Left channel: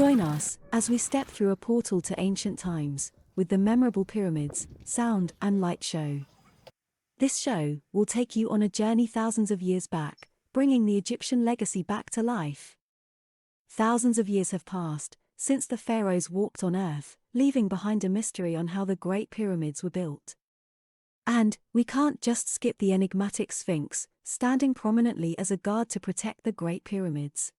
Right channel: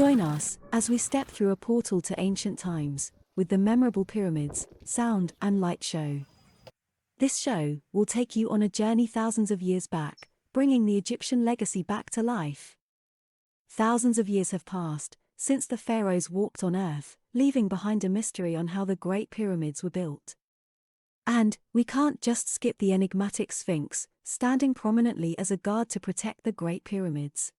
Join us as we step through a portal to ancient times with the memorable pyramids, sound and light show. This show will take you on a journey thousands of years back, bringing the Egyptian legacy back to life. Thousands of years have passed since the pharaohs walked on Earth, leaving behind a mystery on how the Great Pyramids were built. And we can't just skip the enigmatic sphinx, standing prominently as a guard to protect the Great Pyramids.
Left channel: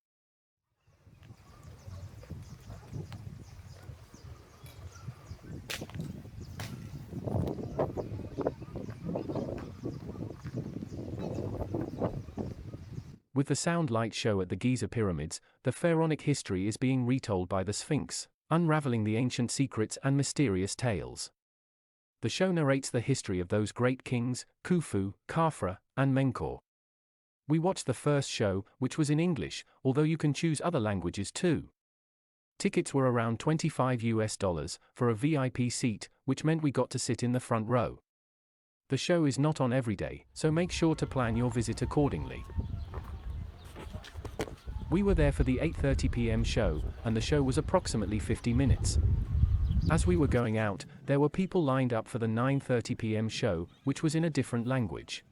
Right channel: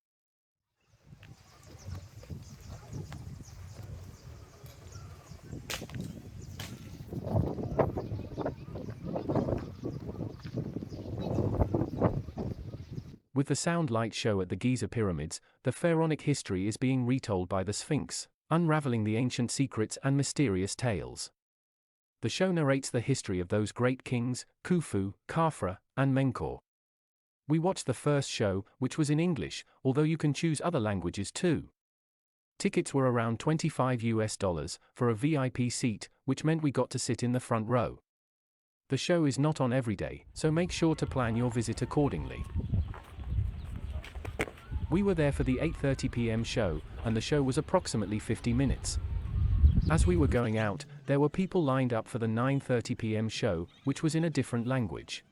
With the sound light show at the Giza pyramids, the pharaonic history is being retold by the Sphinx, unraveling the ancient secrets and mysterious tales. The show narrates the history of those great kings, Khufu, Khafre, and Menkaure. We watched the first show, which was in English, although you can choose other languages too. Tickets were around $25 for a VIP seat, which meant we got to sit in the front row. The show is not on every day, so make sure to plan your visit accordingly. We were there for the 8:30 p.m. show, and the show was approximately 50 minutes. As we were going out, there were people lined up for the 9:30 p.m. show, which was in a different language.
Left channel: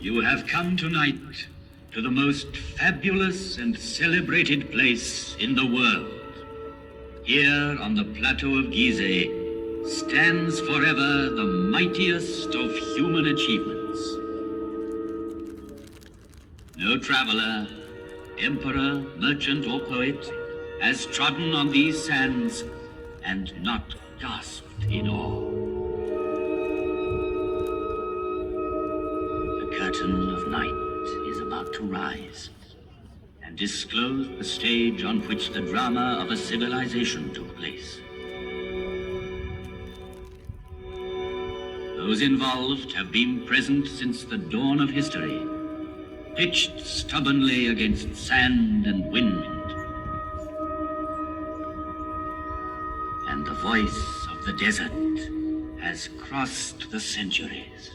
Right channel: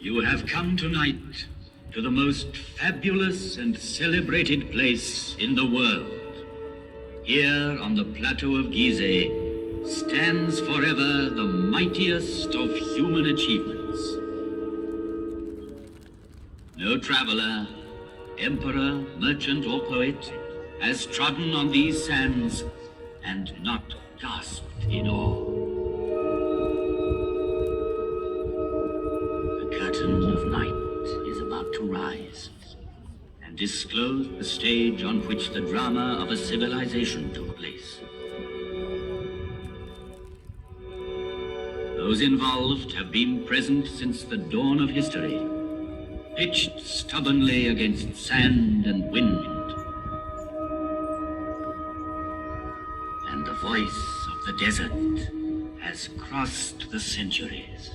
You have come tonight to the most fabulous and celebrated place in the world. Here on the plateau of Giza stands forever the mightiest of human achievements. No traveler, emperor, merchant, or poet has trodden on these sands and not gasped in awe. The curtain of night is about to rise and disclose the stage on which the drama of a civilization took place. Those involved have been present since the dawn of history, pitched stubbornly against sand and wind. And the voice of the desert has crossed the centuries.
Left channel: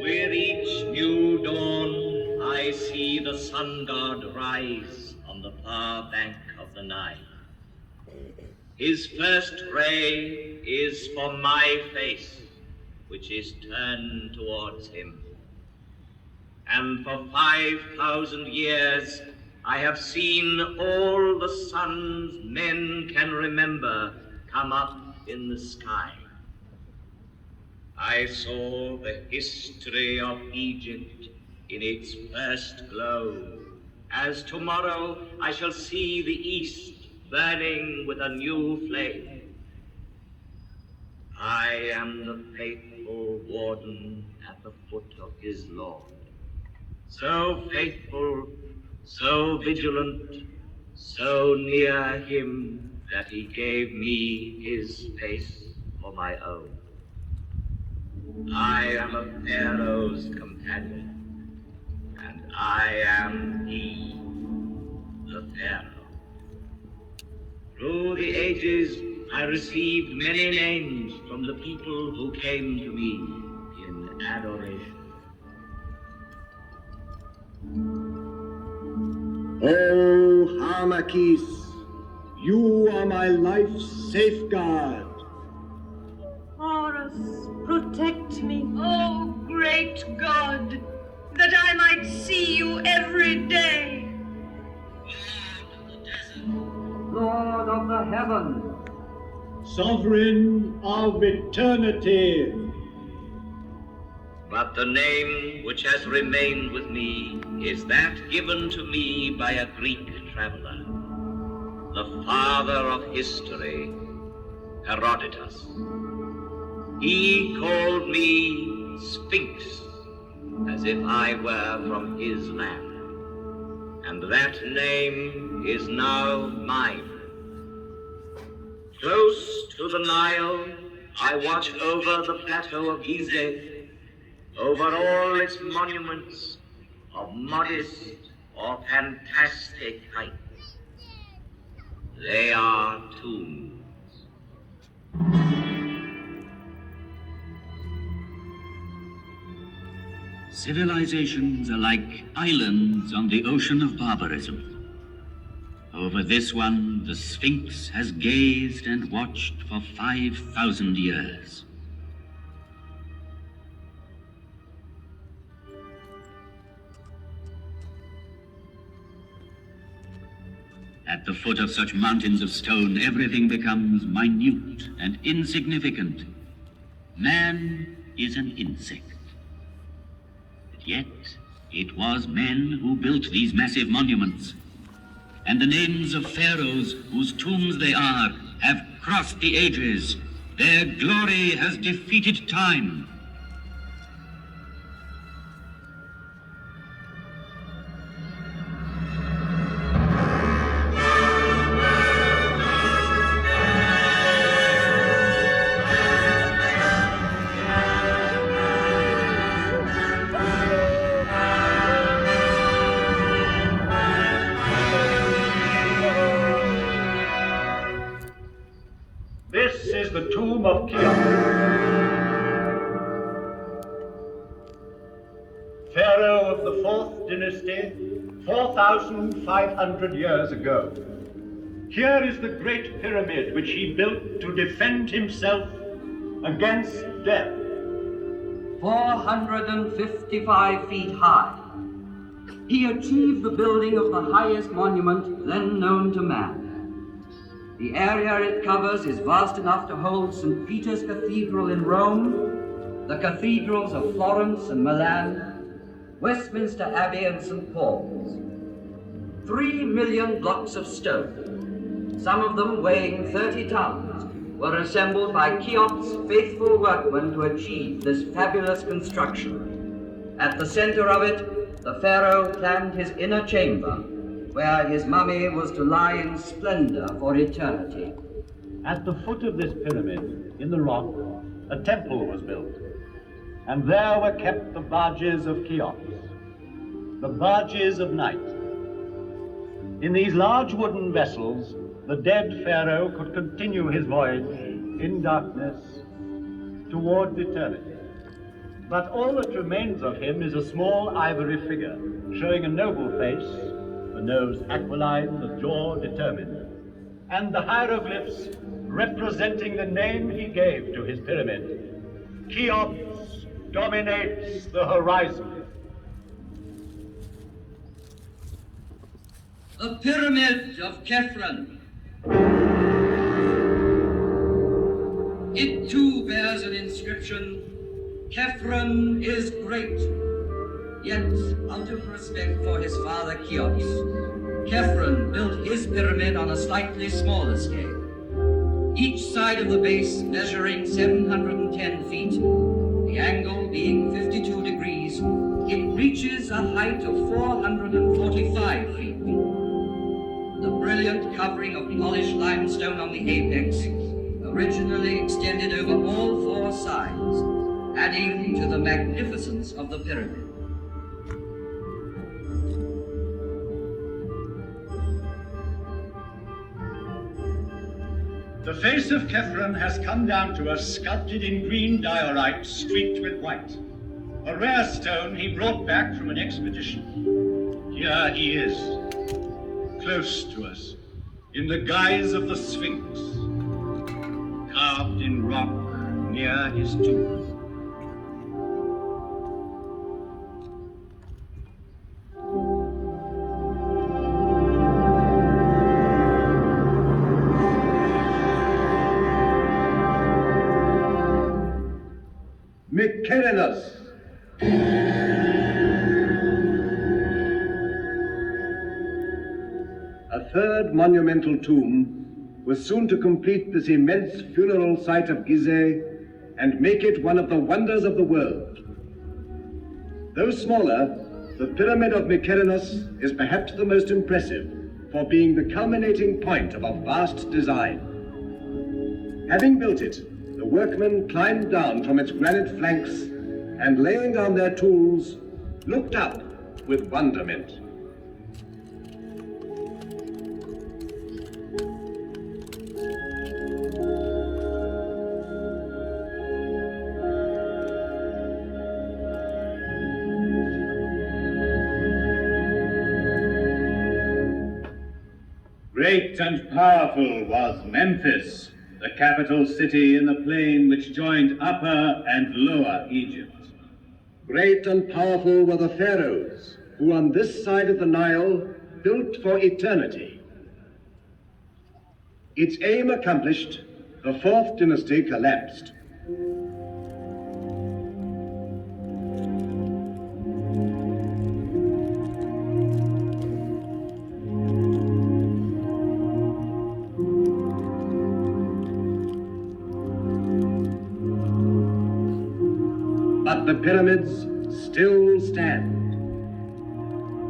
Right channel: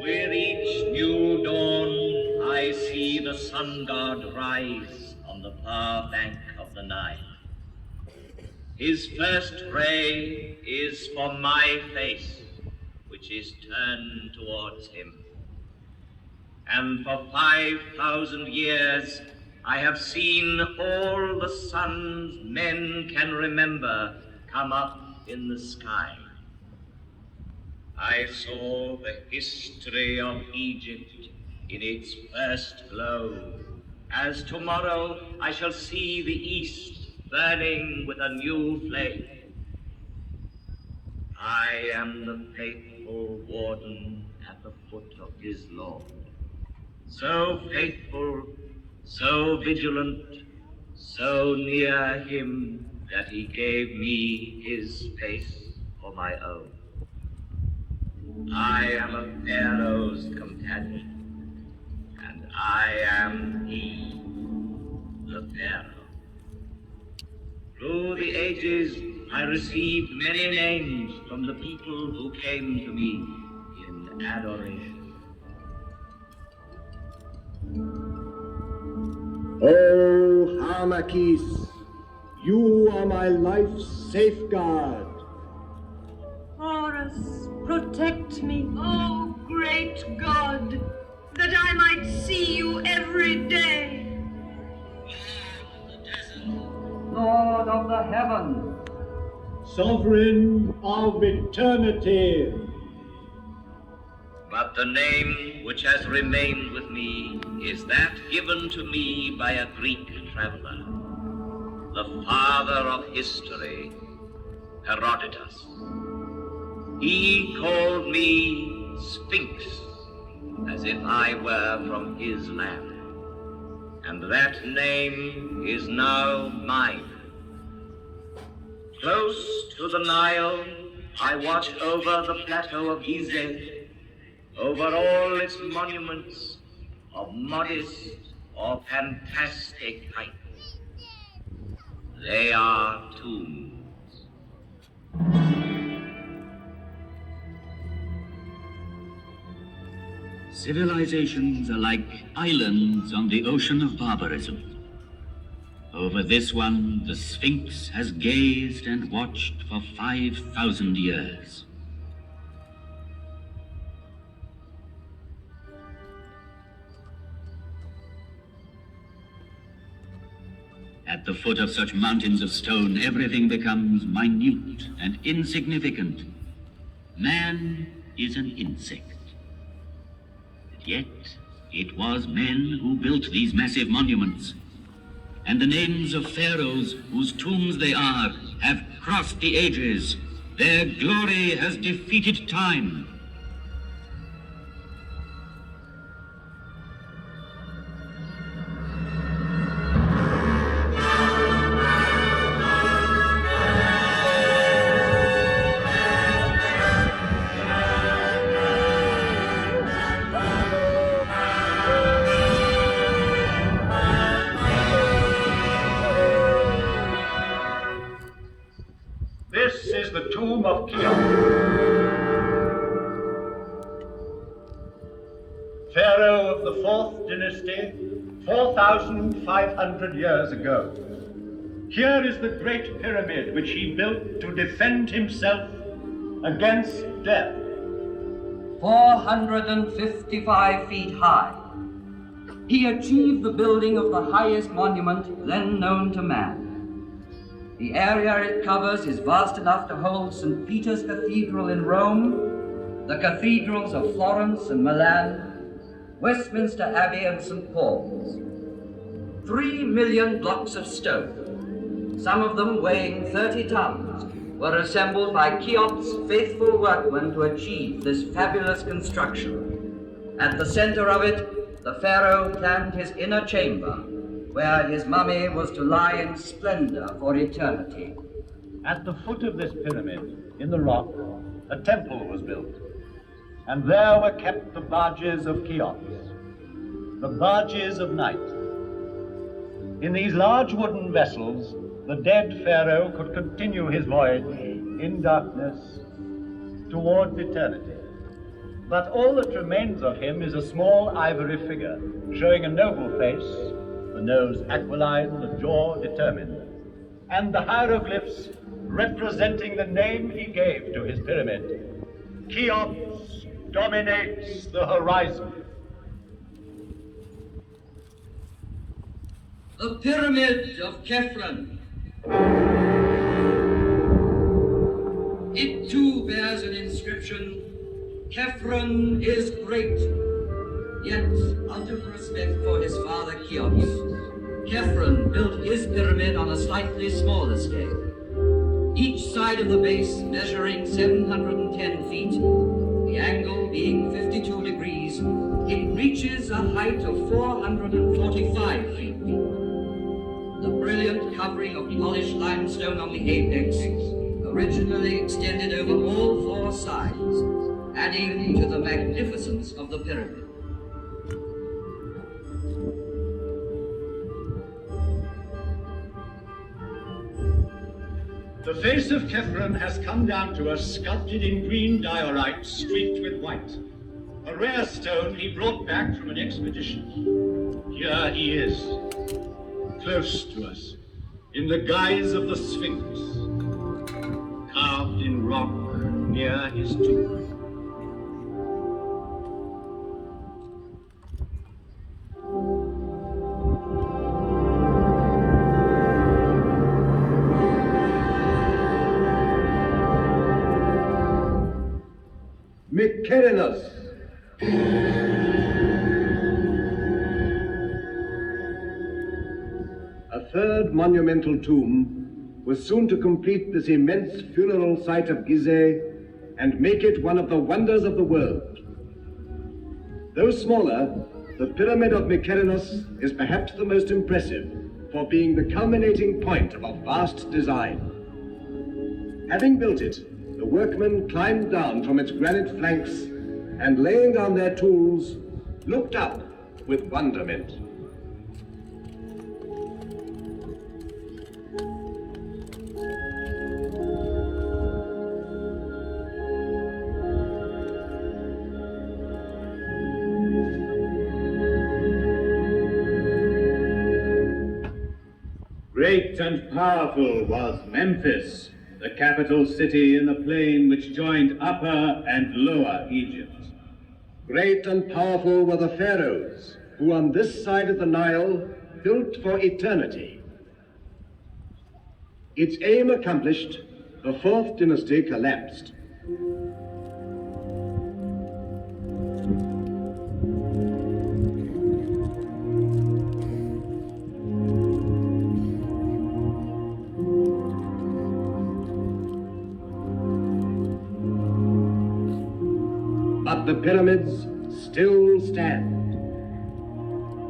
With each new dawn, I see the sun god rise on the far bank of the Nile. His first ray is for my face, which is turned towards him. And for 5,000 years, I have seen all the suns men can remember come up in the sky. I saw the history of Egypt in its first glow, as tomorrow I shall see the East burning with a new flame. I am the faithful warden at the foot of his Lord. So faithful, so vigilant, so near him that he gave me his space for my own. I am a pharaoh's companion, and I am he, the pharaoh. Through the ages, I received many names from the people who came to me in adoration. Oh, Hamakis, you are my life's safeguard. Horus, protect me, oh great God, that I might see you every day. Lord of the desert, Lord of the heaven, Sovereign of eternity. but the name which has remained with me is that given to me by a Greek traveler, the father of history, Herodotus. He called me Sphinx, as if I were from his land. And that name is now mine. Close to the Nile, I watch over the plateau of Giza, over all its monuments of modest or fantastic height. They are tombs. Civilizations are like islands on the ocean of barbarism. Over this one, the Sphinx has gazed and watched for 5,000 years. At the foot of such mountains of stone, everything becomes minute and insignificant. Man is an insect. Yet, it was men who built these massive monuments. And the names of pharaohs whose tombs they are have crossed the ages. Their glory has defeated time. This is the tomb of Cheops, pharaoh of the 4th dynasty, 4,500 years ago. Here is the Great Pyramid which he built to defend himself against death. 455 feet high. He achieved the building of the highest monument then known to man. The area it covers is vast enough to hold St. Peter's Cathedral in Rome, the cathedrals of Florence and Milan, Westminster Abbey and St. Paul's. 3 million blocks of stone, some of them weighing 30 tons, were assembled by Cheops' faithful workmen to achieve this fabulous construction. At the center of it, the pharaoh planned his inner chamber, where his mummy was to lie in splendor for eternity. At the foot of this pyramid, in the rock, a temple was built, and there were kept the barges of Cheops, the barges of night. In these large wooden vessels, the dead pharaoh could continue his voyage in darkness towards eternity. But all that remains of him is a small ivory figure, showing a noble face, the nose aquiline, the jaw determined, and the hieroglyphs representing the name he gave to his pyramid. Cheops dominates the horizon. The Pyramid of Khafre. It too bears an inscription, Khafre is great. Yet, out of respect for his father Cheops, Khafre built his pyramid on a slightly smaller scale. Each side of the base measuring 710 feet, the angle being 52 degrees, it reaches a height of 445 feet. The brilliant covering of polished limestone on the apex originally extended over all 4 sides, adding to the magnificence of the pyramid. The face of Khafre has come down to us sculpted in green diorite streaked with white, a rare stone he brought back from an expedition. Here he is, close to us, in the guise of the Sphinx, carved in rock near his tomb. Mycerinus, third monumental tomb was soon to complete this immense funeral site of Gizeh and make it one of the wonders of the world. Though smaller, the Pyramid of Mykerinos is perhaps the most impressive for being the culminating point of a vast design. Having built it, the workmen climbed down from its granite flanks and, laying down their tools, looked up with wonderment. Great and powerful was Memphis, the capital city in the plain which joined Upper and Lower Egypt. Great and powerful were the pharaohs, who on this side of the Nile built for eternity. Its aim accomplished, the fourth dynasty collapsed. But the pyramids still stand.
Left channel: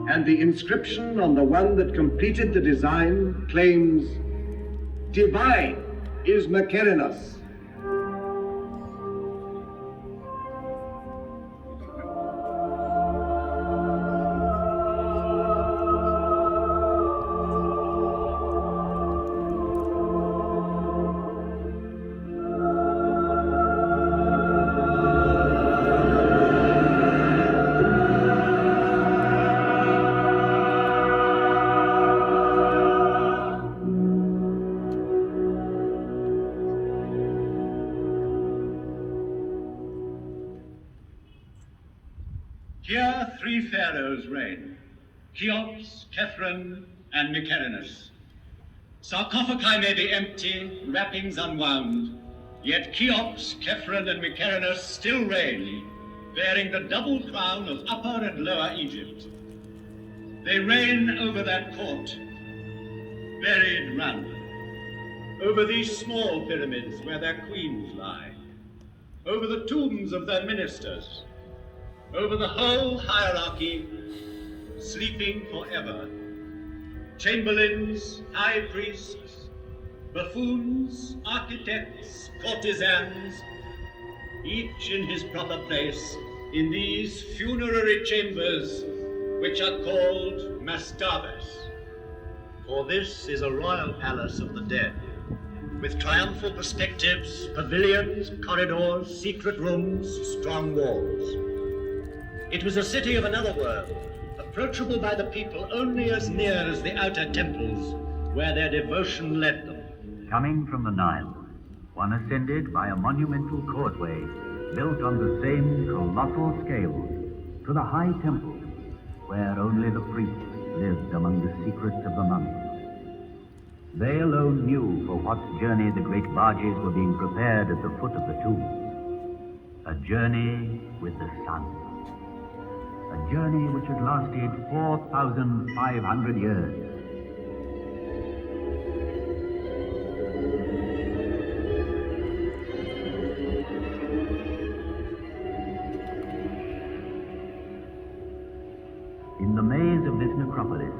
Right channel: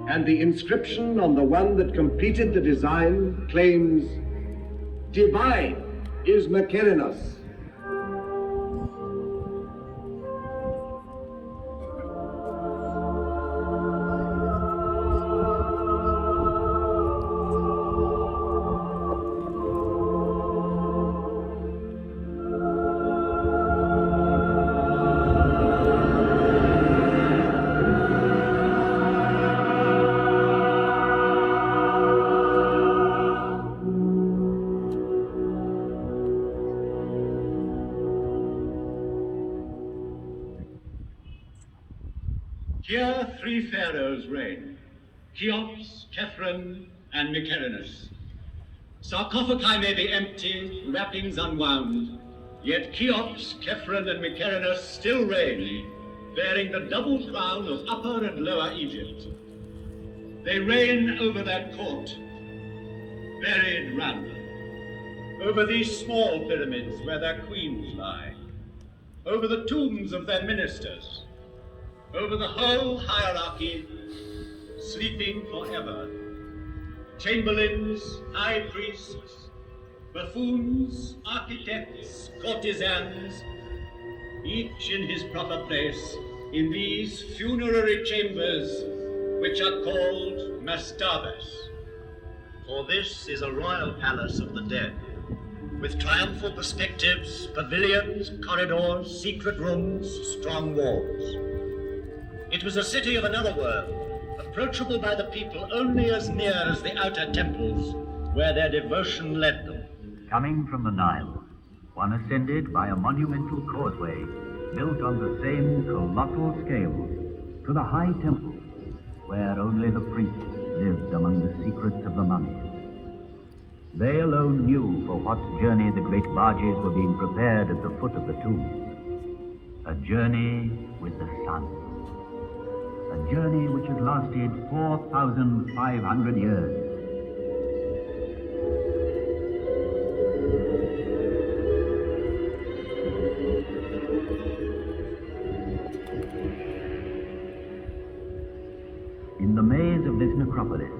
And the inscription on the one that completed the design claims, "Divine is Mykerinos." Here 3 pharaohs reign, Cheops, Khafre, and Mykerinos. Sarcophagi may be empty, wrappings unwound, yet Cheops, Khafre, and Mykerinos still reign, bearing the double crown of Upper and Lower Egypt. They reign over that court, buried round them, over these small pyramids where their queens lie, over the tombs of their ministers, over the whole hierarchy, sleeping forever. Chamberlains, high priests, buffoons, architects, courtesans, each in his proper place in these funerary chambers, which are called mastabas. For this is a royal palace of the dead, with triumphal perspectives, pavilions, corridors, secret rooms, strong walls. It was a city of another world, approachable by the people only as near as the outer temples, where their devotion led them. Coming from the Nile, one ascended by a monumental causeway built on the same colossal scale to the high temple, where only the priests lived among the secrets of the mummies. They alone knew for what journey the great barges were being prepared at the foot of the tomb. A journey with the sun. A journey which had lasted 4,500 years. In the maze of this necropolis,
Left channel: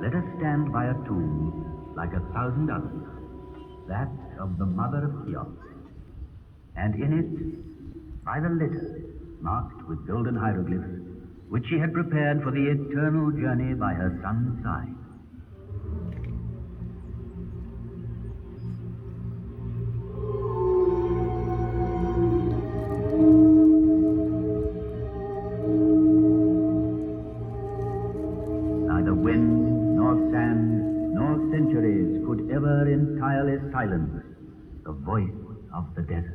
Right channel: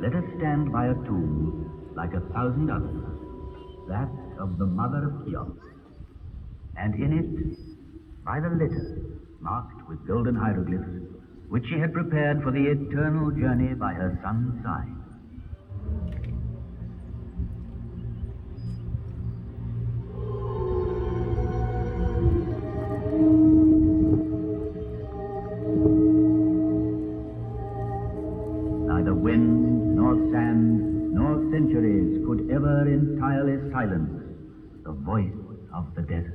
let us stand by a tomb like 1,000 others, that of the mother of Cheops, and in it, by the litter, marked with golden hieroglyphs, which she had prepared for the eternal journey by her son's side. Neither wind, nor sand, nor centuries could ever entirely silence the voice of the desert.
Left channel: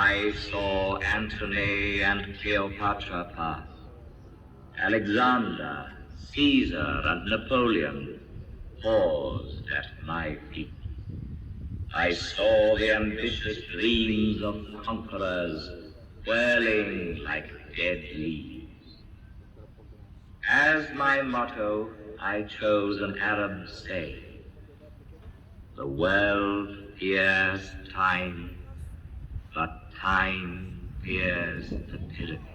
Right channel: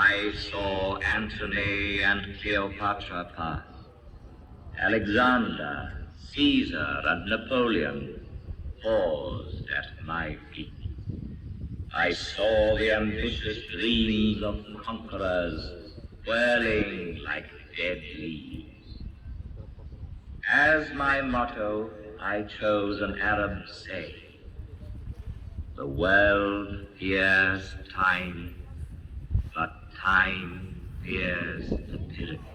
I saw Antony and Cleopatra pass, Alexander, Caesar, and Napoleon paused at my feet. I saw the ambitious dreams of conquerors whirling like dead leaves. As my motto, I chose an Arab saying: the world fears time, but time fears the pyramids.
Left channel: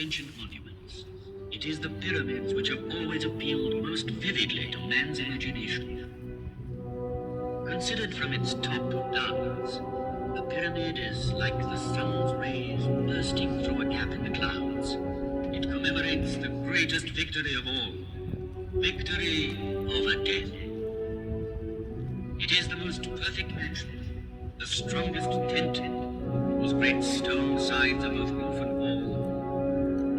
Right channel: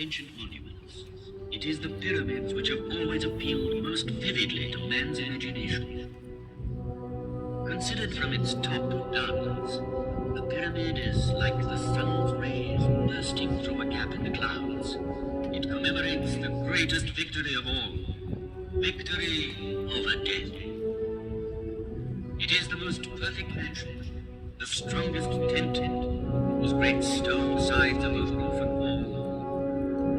Ancient monuments, it is the pyramids which have always appealed most vividly to man's imagination. Considered from its top downwards, the pyramid is like the sun's rays bursting through a gap in the clouds. It commemorates the greatest victory of all, victory over death. It is the most perfect mansion, the strongest tent, whose great stone sides are both roof and wall,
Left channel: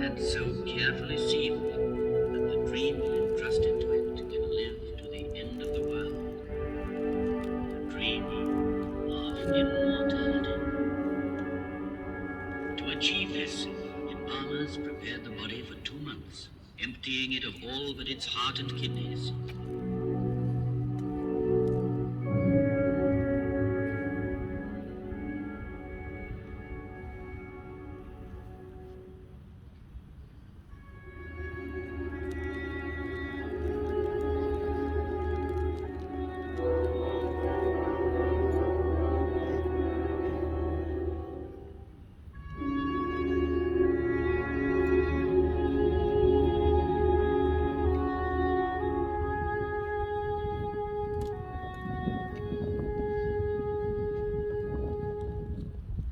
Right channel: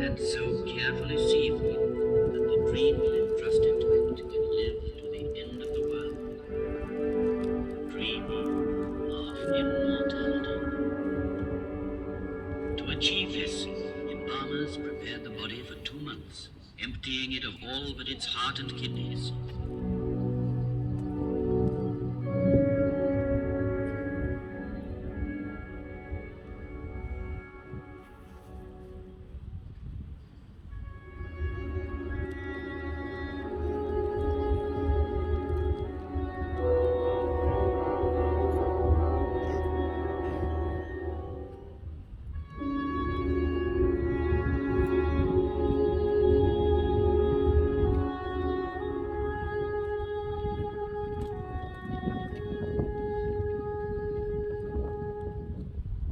and so carefully sealed that the dream entrusted to it can live to the end of the world. The dream of immortality. To achieve this, embalmers prepared the body for 2 months, emptying it of all but its heart and kidneys.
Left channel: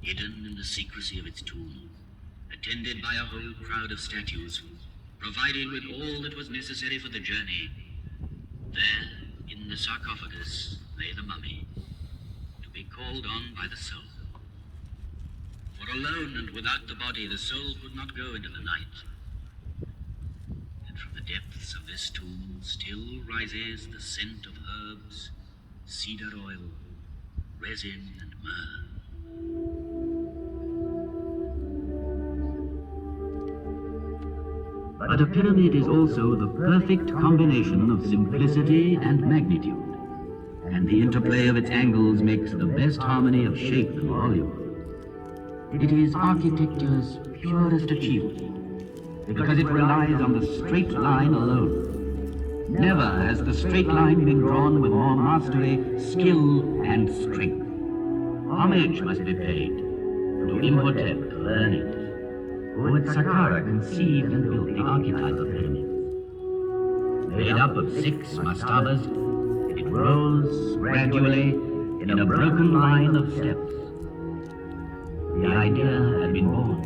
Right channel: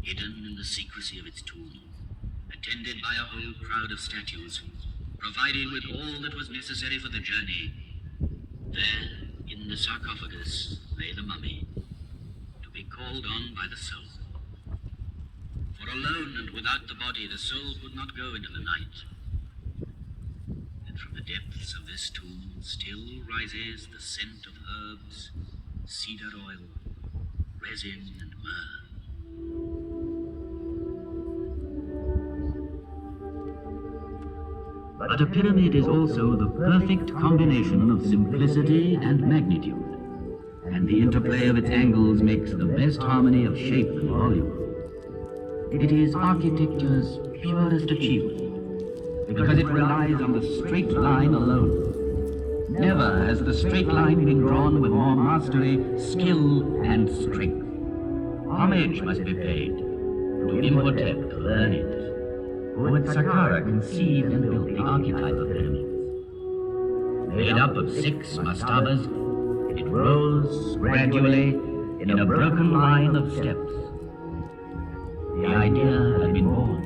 Hidden in the secrecy of its tomb, attended by a whole crowd of statues, provided with all that was necessary for the journey, there, in the sarcophagus, lay the mummy, to be called on by the soul. For alone and without the body, the soul could not go into the night. And from the depths of this tomb still rises the scent of herbs, cedar oil, resin, and myrrh. But a pyramid is also the perfect combination of simplicity and magnitude, and the interplay of its angles makes the best harmony of shape and volume. It is architecture's purest achievement, because it relies on the straight line alone. Never has the straight line been drawn with more mastery, skill, and strength. Homage must be paid to Imhotep the learned, who at Saqqara conceived and built the archetypal pyramids. Made up of 6 mastabas, it rose gradually in a broken line of steps. The idea had been born.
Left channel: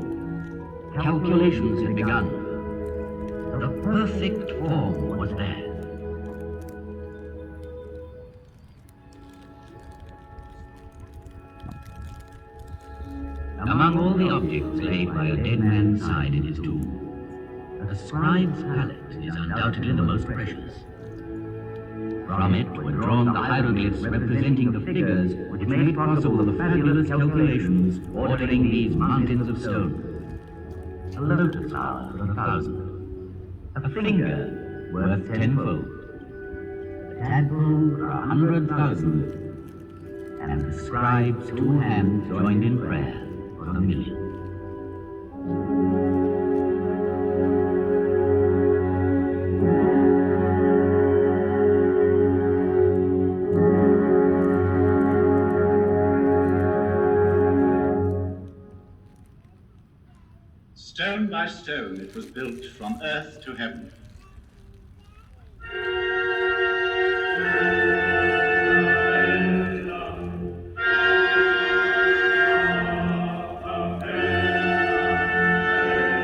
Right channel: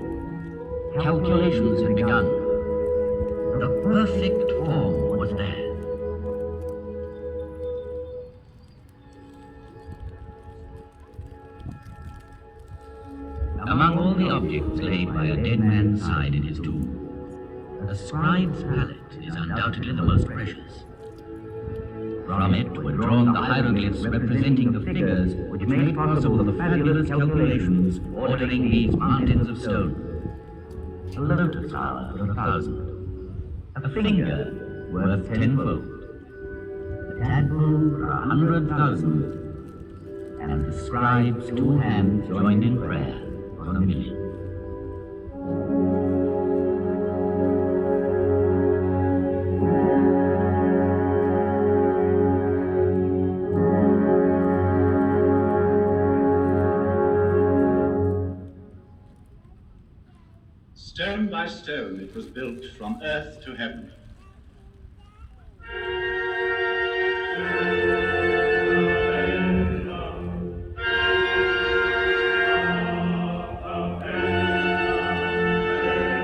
Calculations had begun. The perfect form was there. Among all the objects laid by a dead man's side in his tomb, the scribe's palette is undoubtedly the most precious. From it were drawn the hieroglyphs representing the figures which made possible the fabulous calculations ordering these mountains of stone. A lotus flower for 1,000, a finger worth 10-fold, a tadpole for 100,000, and the scribe's 2 hands joined in prayer for 1,000,000. Stone by stone it was built from earth to heaven.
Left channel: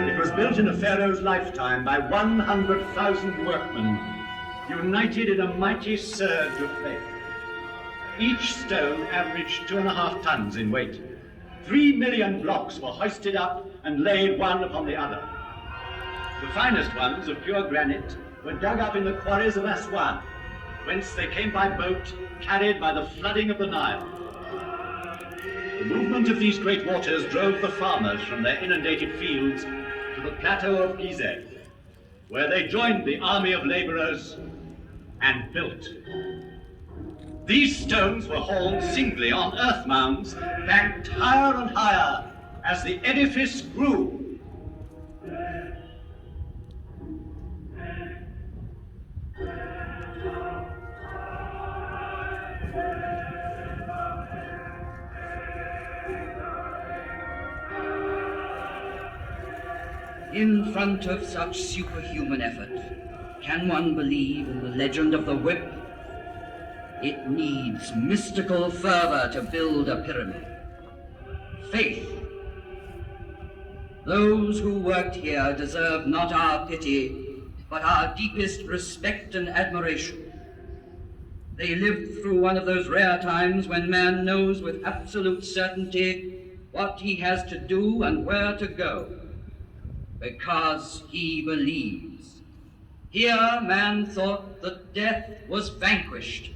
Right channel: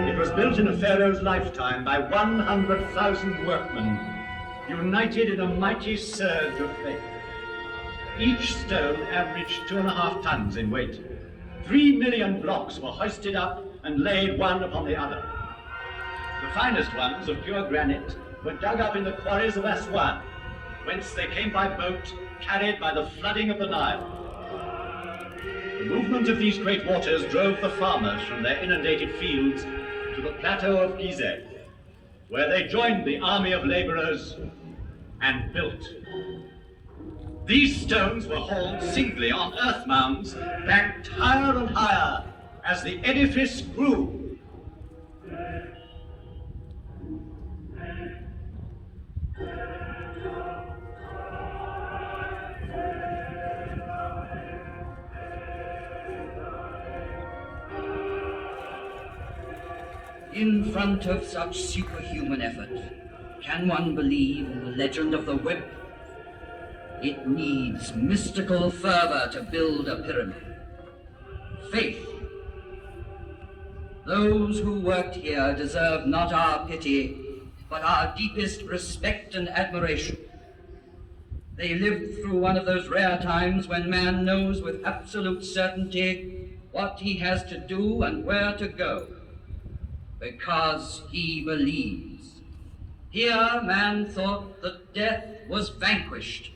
It was built in a pharaoh's lifetime by 100,000 workmen, united in a mighty surge of faith. Each stone averaged 2.5 tons in weight. 3 million blocks were hoisted up and laid one upon the other. The finest ones of pure granite were dug up in the quarries of Aswan, whence they came by boat, carried by the flooding of the Nile. The movement of these great waters drove the farmers from their inundated fields to the plateau of Giza, where they joined the army of laborers and built. These stones were hauled singly on earth mounds, banked higher and higher as the edifice grew. In front of such superhuman effort, can one believe in the legend of the whip? It needs mystical fervor to build a pyramid. Faith. Those who worked here deserve not our pity, but our deepest respect and admiration. They lived through one of those rare times when man knows with absolute certainty what he has to do and where to go, because he believes. Here man thought that death was vanquished.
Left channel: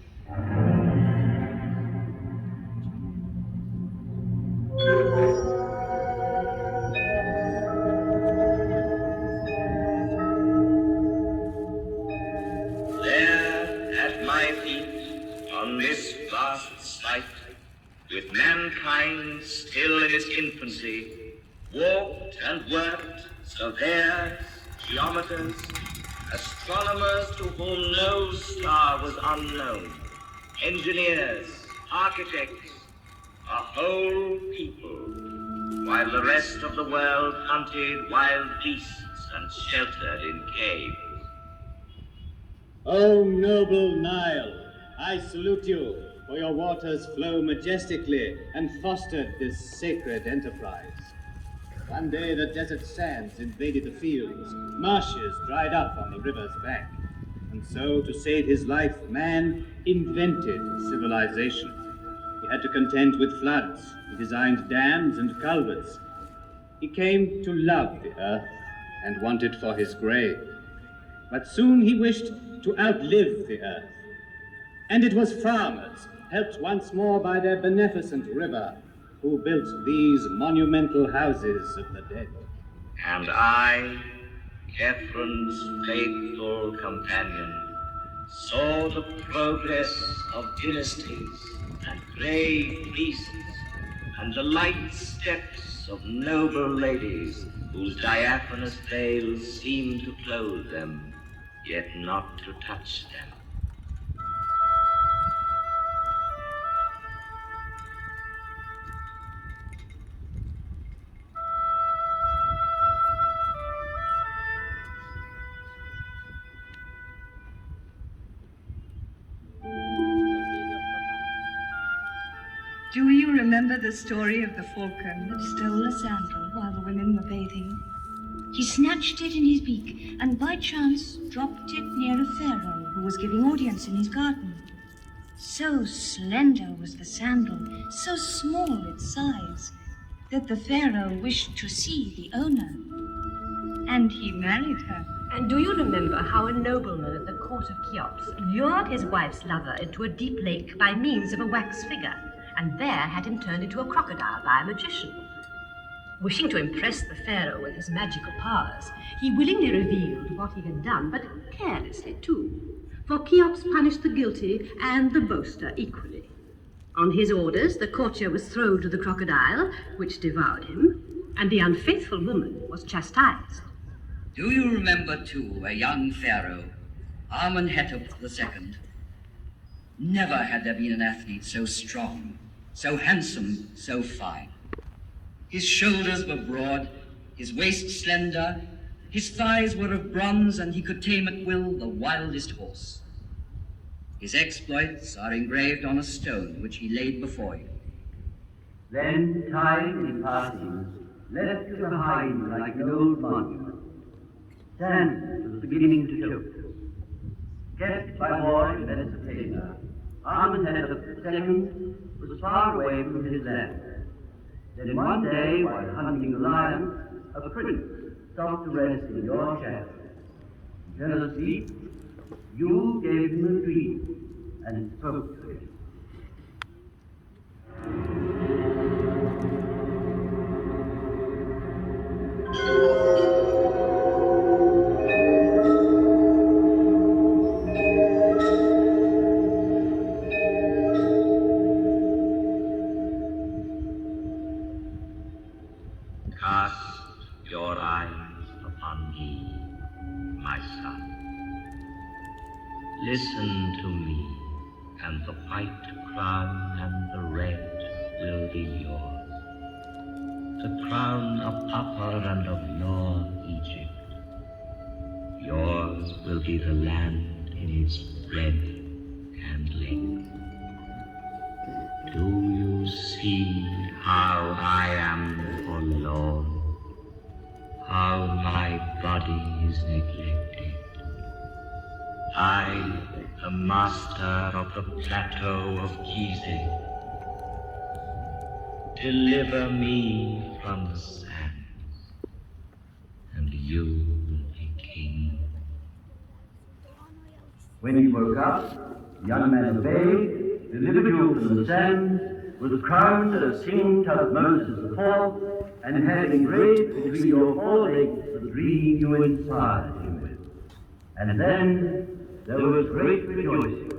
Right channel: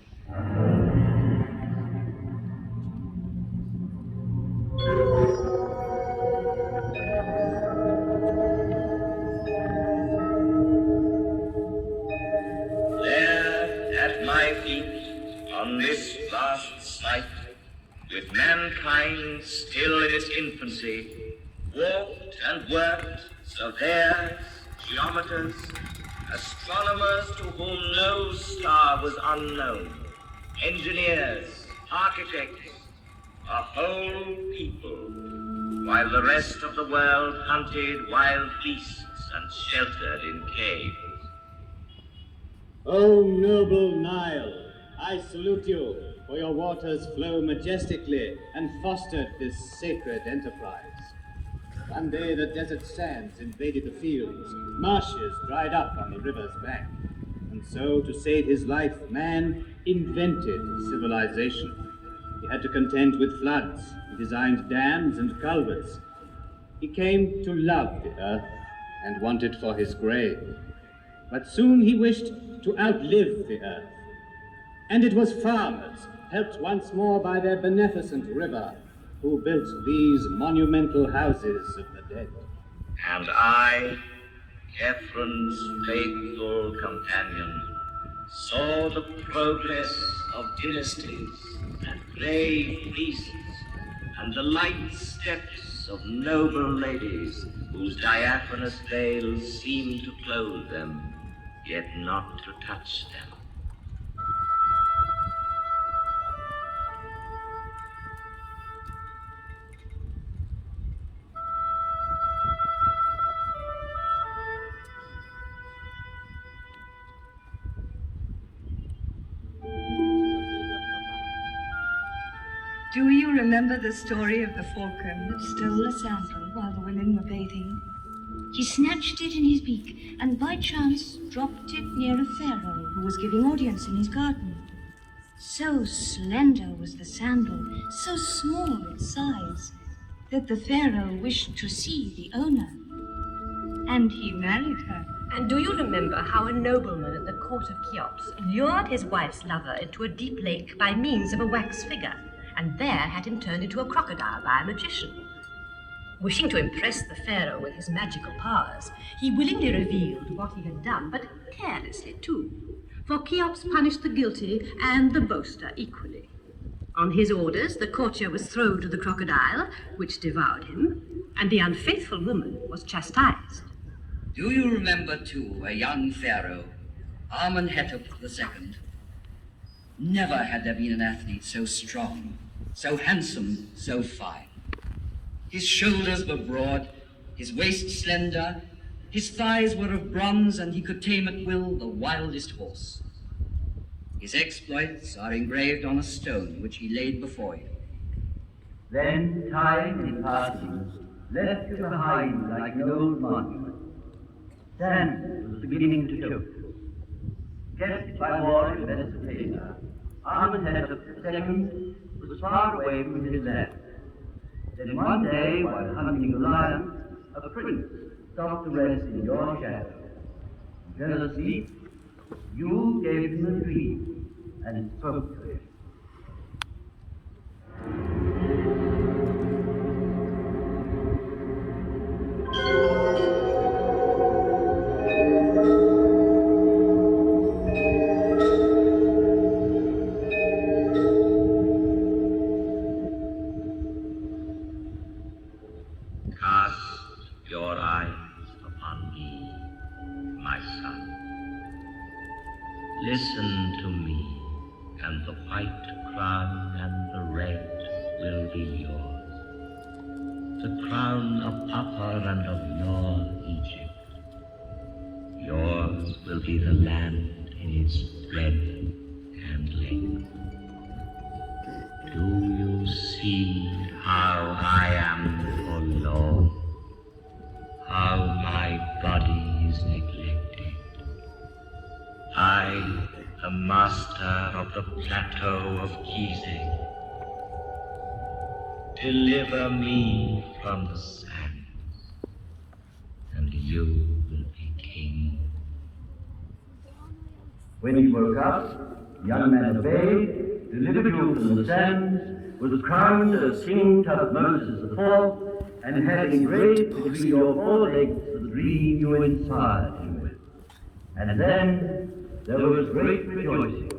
There, at my feet, on this vast site, with mankind still in its infancy, walked and worked surveyors, geometers, astronomers to whom no star was unknown, engineers, architects, a whole people, while the rest of the world hunted wild beasts and sheltered in caves. O noble Nile, I salute you, for your waters flow majestically and fostered this sacred enterprise. One day the desert sands invaded the fields, marshes dried up on the river's bank, and so to save his life, man invented civilization. He had to contend with floods, he designed dams and culverts. He came to love the earth and wanted for his grave. But soon he wished to outlive the earth. And it was farmers, helped once more by their beneficent river, who built these monumental houses of the dead. And I, Catherine's faithful companion, saw the progress of dynasties and grave beasts, and the light steps of noble ladies whose diaphanous veils seemed to clothe them, yet not to touch them. Do you remember the story of the falcon that stole a sandal while the women were bathing? He snatched it in his beak and by chance dropped it near a pharaoh who was giving audience in his garden. So slender was the sandal, so small its size, that the pharaoh wished to see the owner. And he married her. And do you remember how a nobleman at the court of Cheops lured his wife's lover into a deep lake by means of a wax figure, and there had him turned into a crocodile by a magician? Wishing to impress the pharaoh with his magical powers, he willingly revealed what he had done, but carelessly too, for Cheops punished the guilty and the boaster equally. On his orders, the courtier was thrown to the crocodile, which devoured him, and the unfaithful woman was chastised. Do you remember, too, a young pharaoh, Amenhotep II? Never had there been an athlete so strong, so handsome, so fine. His shoulders were broad, his waist slender, his thighs were of bronze, and he could tame at will the wildest horse. His exploits are engraved on a stone which he laid before you. Then time in passing left behind like an old monument. Sand was beginning to dote. kept by war in Mesopotamia, Amenhotep II was far away from his land. Then one day, while hunting the lion, a prince stopped to rest in your shadow. And jealously, you gave him a dream and spoke to him. Cast your eyes upon me, my son. Listen to me, and the white crown and the red will be yours. The crown of Upper and of Lower Egypt. Yours will be the land in its breadth and length. Do you see how I am forlorn? How my body is neglected? I, the master of the plateau of Giza. Deliver me from the sands, and you will be king. When he woke up, the young man obeyed, delivered you from the sands, was crowned as King Tutmosis IV, and had engraved between your forelegs the dream you inspired him with. And then there was great rejoicing.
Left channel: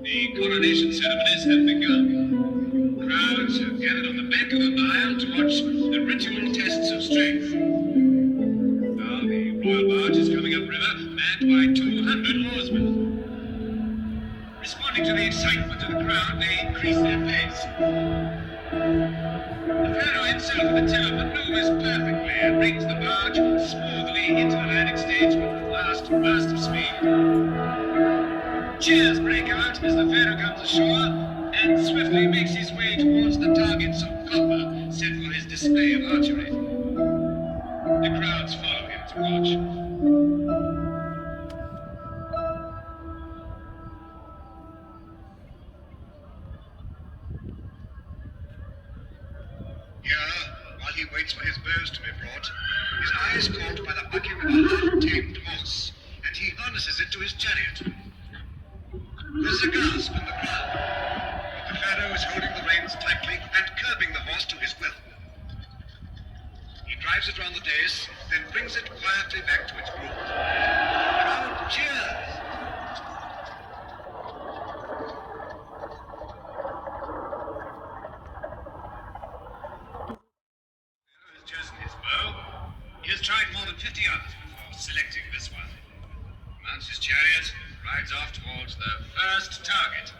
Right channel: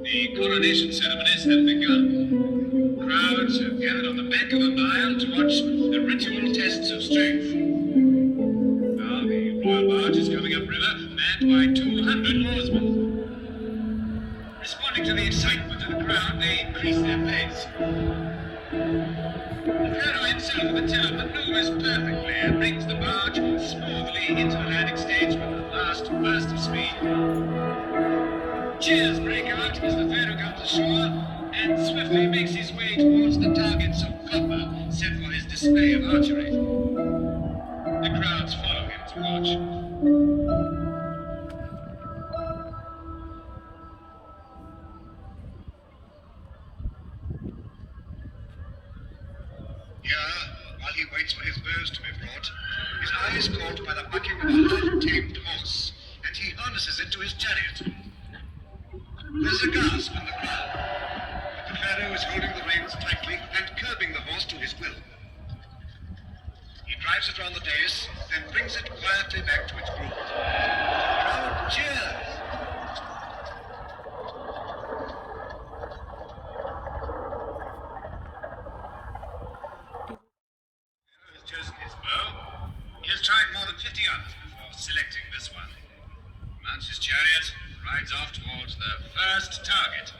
The coronation ceremonies have begun. Crowds have gathered on the bank of the Nile to watch the ritual tests of strength. Now the royal barge is coming upriver, manned by 200 oarsmen. Responding to the excitement of the crowd, they increase their pace. The pharaoh himself at the tiller maneuvers perfectly and brings the barge smoothly into the landing stage with a last burst of speed. Cheers break out as the pharaoh comes ashore and swiftly makes his way towards the targets of copper set for his display of archery. The crowds follow him to watch. Here, while he waits for his bows to be brought, his eye is caught by the bucking of a half-tamed horse, and he harnesses it to his chariot. There's a gasp in the crowd, but the pharaoh is holding the reins tightly and curbing the horse to his will. He drives it round the dais, then brings it quietly back to its groove. The crowd cheers. Pharaoh has chosen his bow. He has tried more than 50 others before selecting this one. Mounts his chariot, rides off towards the first target.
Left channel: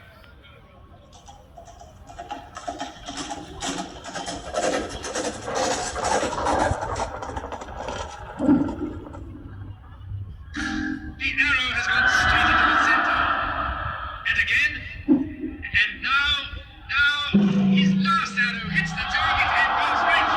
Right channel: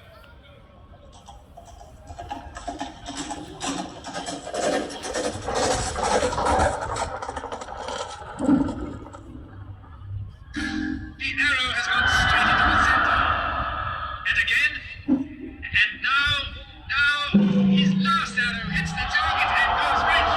The arrow has gone straight into the center. And again. And now, his last arrow hits the target and goes right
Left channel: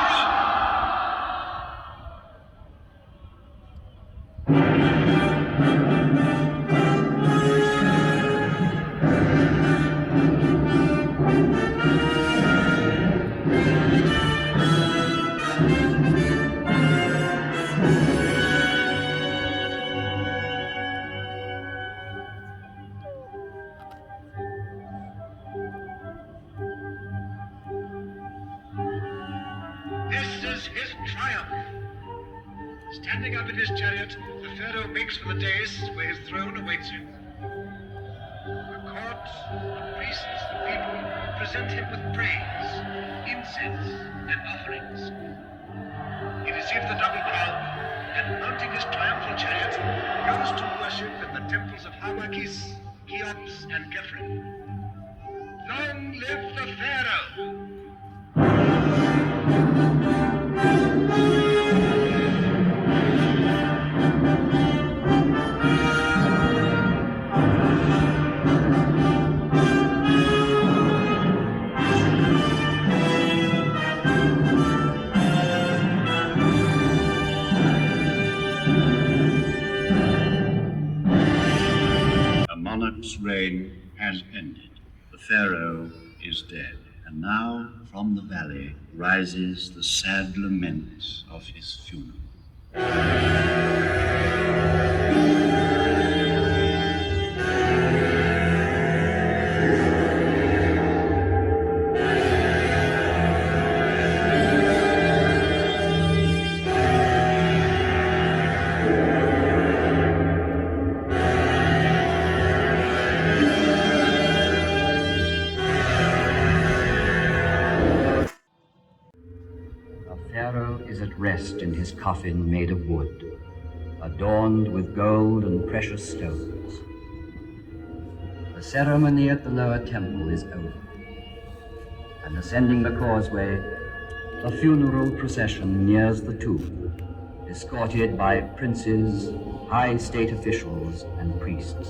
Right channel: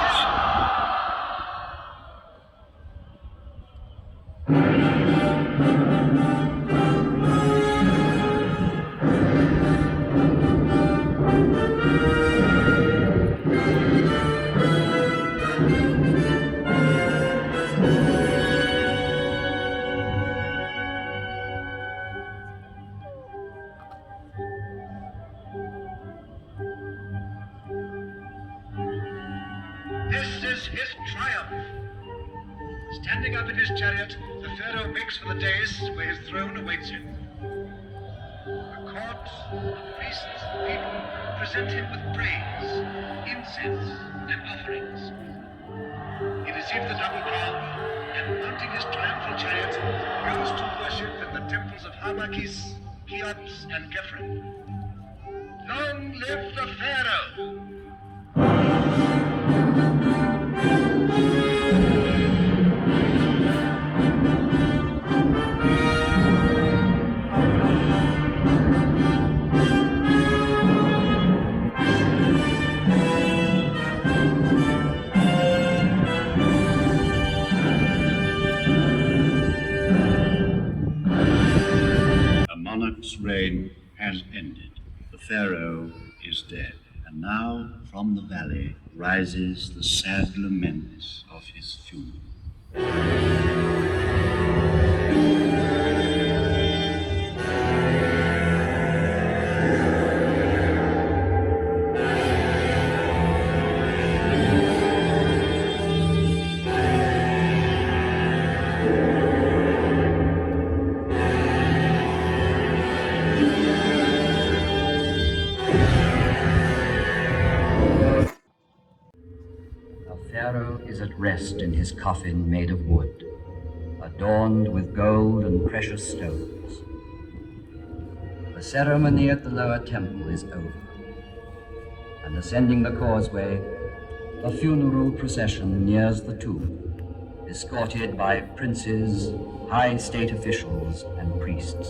This is his triumph. Standing up in his chariot, the pharaoh makes for the dais where his throne awaits him. The court, the priests, the people present him with praise, incense, and offerings. He receives the double crown and, mounting his triumphal chariot, goes to worship in the temples of Hamakis, Cheops and Khafre. Long live the Pharaoh! A monarch's reign has ended. The pharaoh is dead. And now, from the valley, rises the sad lament of his funeral. The pharaoh is at rest in his coffin made of wood, adorned with gold and precious stones. The ceremony at the lower temple is over, and ascending the causeway, a funeral procession nears the tomb, escorted by princes, high state officials, and priests.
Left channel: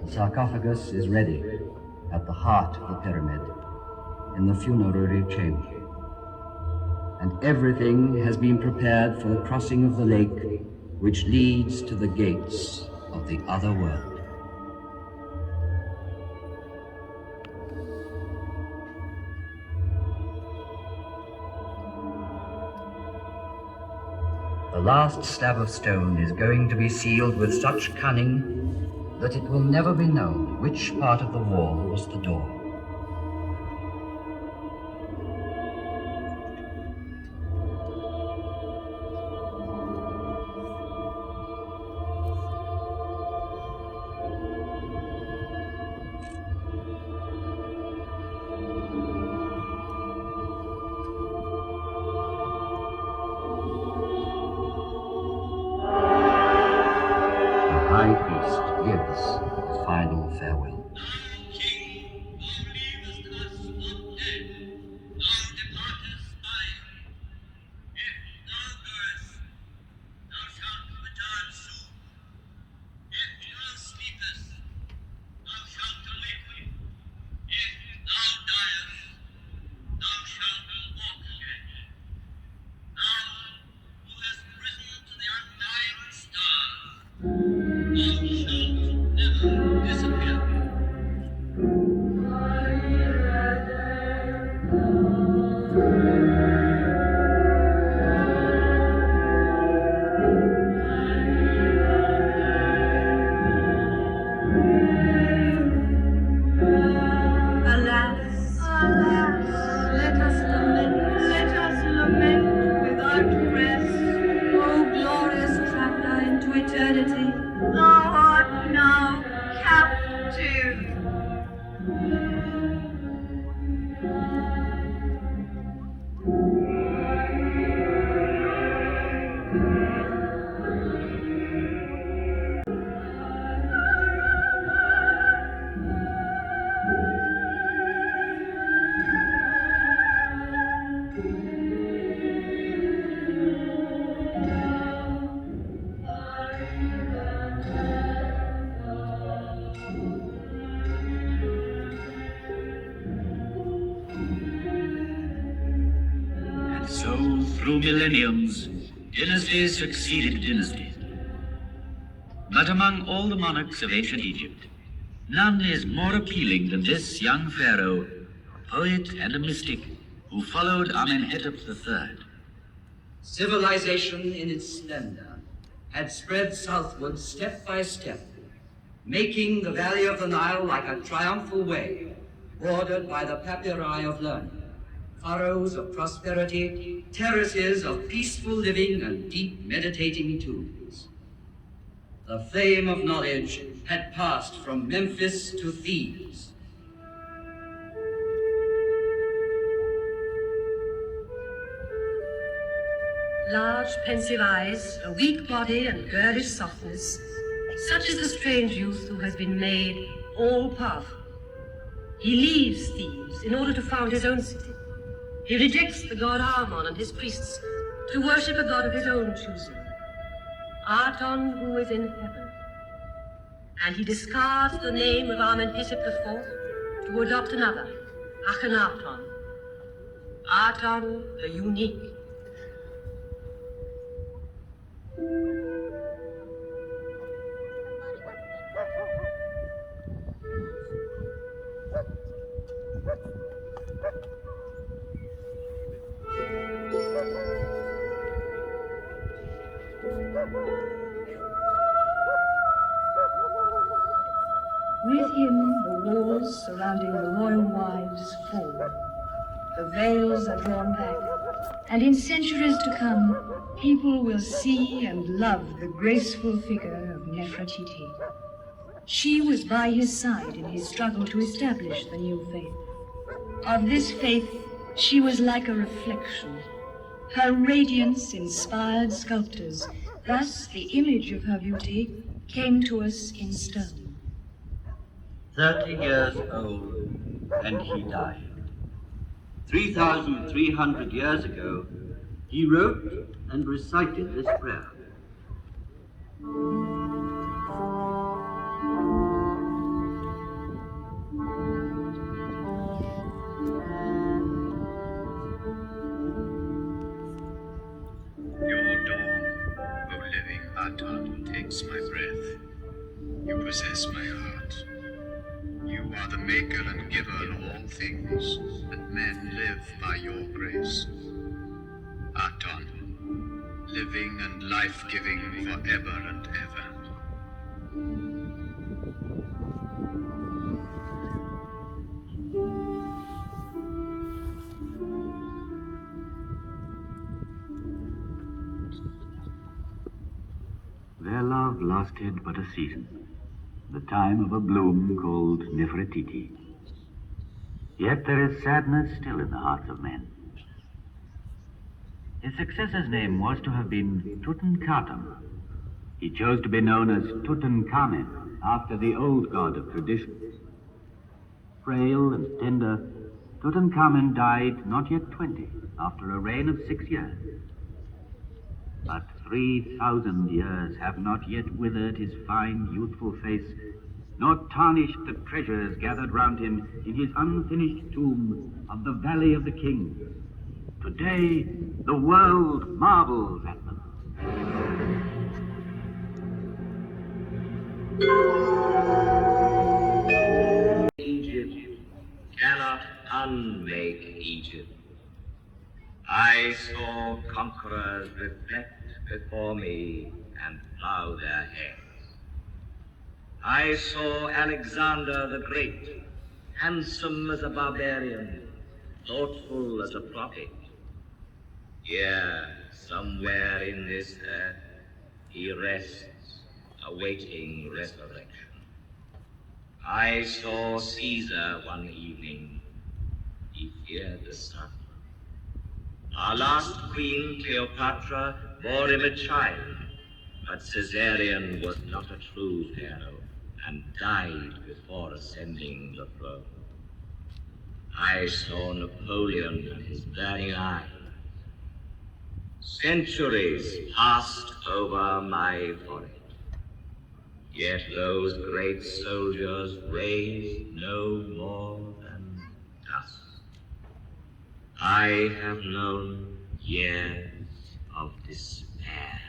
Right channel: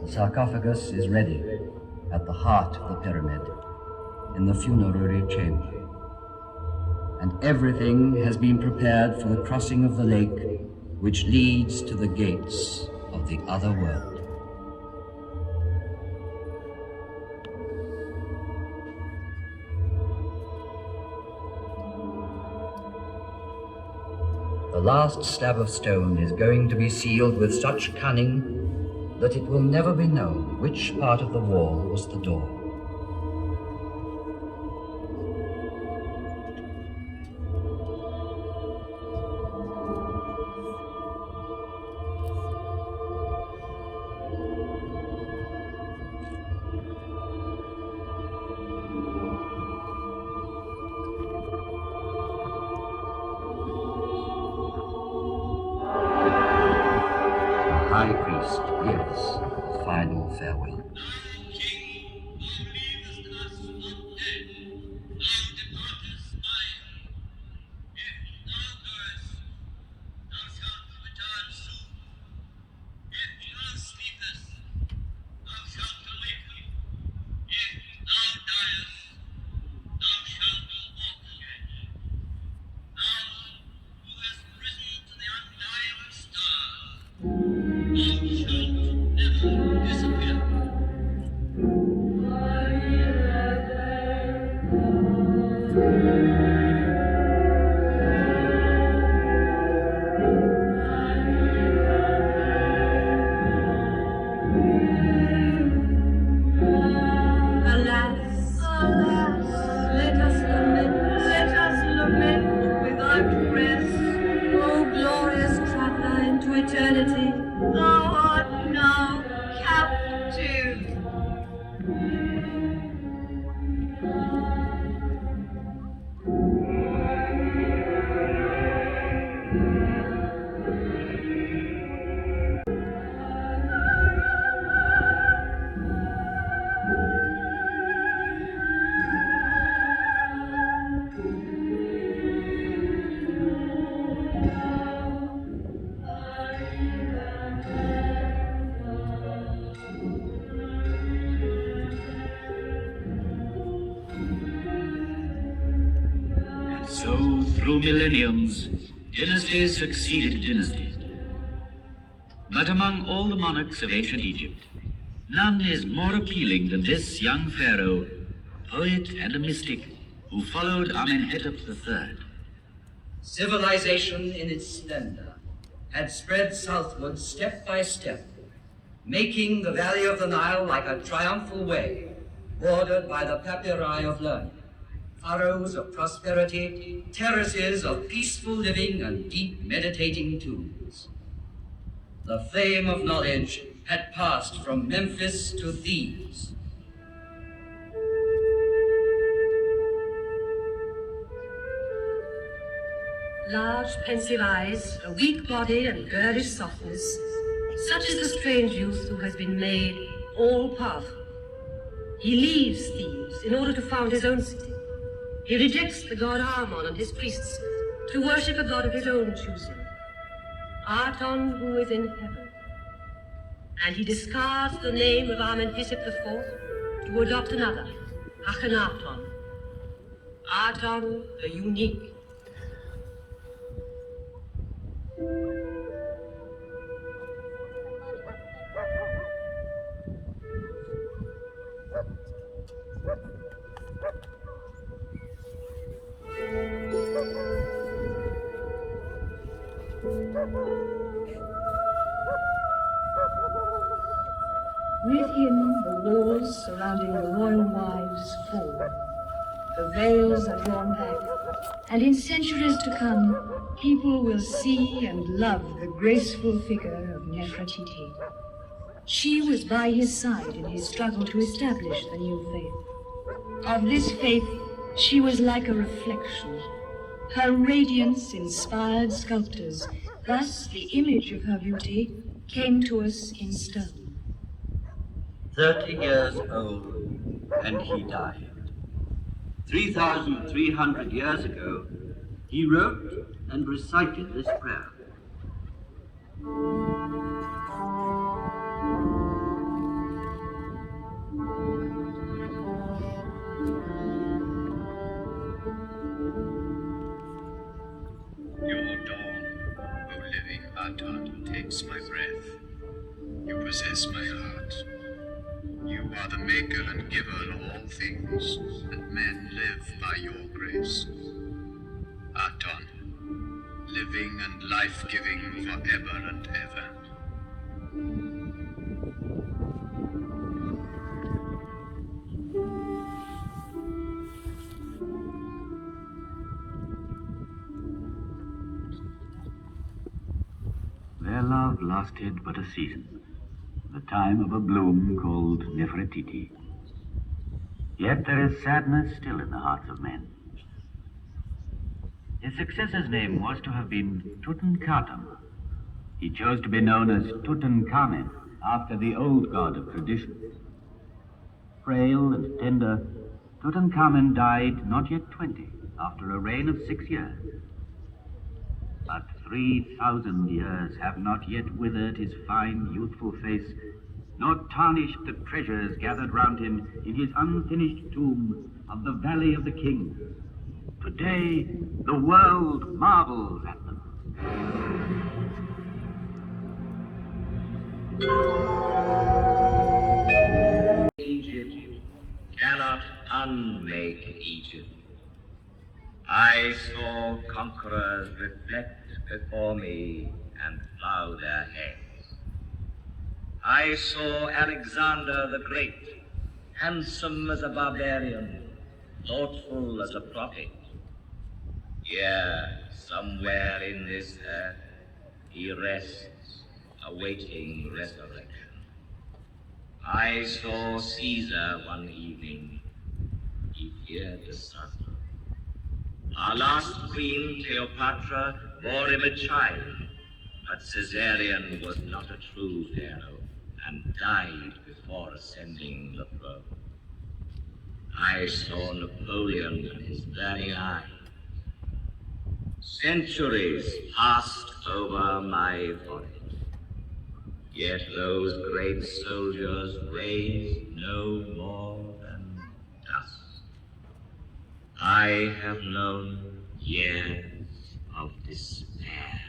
The sarcophagus is ready at the heart of the pyramid, in the funerary chamber. And everything has been prepared for the crossing of the lake, which leads to the gates of the other world. The last slab of stone is going to be sealed with such cunning that it will never be known which part of the wall was the door. The high priest gives the final farewell. So, through millenniums, dynasties succeeded dynasties. But among all the monarchs of ancient Egypt, none is more appealing than this young pharaoh, a poet and a mystic, who followed Amenhotep III. Civilization in its splendor had spread southward step by step, making the valley of the Nile like a triumphal way, bordered by the papyri of learning, furrows of prosperity, terraces of peaceful living, and deep meditating tombs. The fame of knowledge had passed from Memphis to Thebes. Large, pensive eyes, a weak body and girlish softness, such is the strange youth who has been made all-powerful. He leaves Thebes in order to found his own city. He rejects the god Amon and his priests to worship a god of his own choosing, Aton, who is in heaven. And he discards the name of Amenhotep IV to adopt another, Akhenaton, Aton the unique. With him, the walls surrounding the royal wives fall. The veils are drawn back, and in centuries to come, people will see and love the graceful figure of Nefertiti. She was by his side in his struggle to establish the new faith. Of this faith, she was like a reflection. Her radiance inspired sculptors. Thus, the image of her beauty came to us in stone. 30 years old, and he died. 3,300 years ago, he wrote and recited this prayer. Your dawn, O living Aton, takes my breath. You possess my heart. You are the maker and giver of all things, and men live by your grace. Aton, living and life-giving forever and ever. Their love lasted but a season, the time of a bloom called Nefertiti. Yet there is sadness still in the hearts of men. His successor's name was to have been Tutankhamun. He chose to be known as Tutankhamun, after the old god of tradition. Frail and tender, Tutankhamun died not yet 20, after a reign of 6 years. But 3,000 years have not yet withered his fine, youthful face, nor tarnished the treasures gathered round him in his unfinished tomb of the Valley of the Kings. Today, the world marvels at them. Egypt cannot unmake Egypt. I saw conquerors reflect before me and bow their heads. I saw Alexander the Great, handsome as a barbarian, thoughtful as a prophet. Here, somewhere in this earth, he rests, awaiting resurrection. I saw Caesar one evening. He feared the sun. Our last queen, Cleopatra, bore him a child, but Caesarion was not a true pharaoh and died before ascending the throne. I saw Napoleon and his burning eye. Centuries passed over my forehead, yet those great soldiers raised no more than dust. I have known years of despair.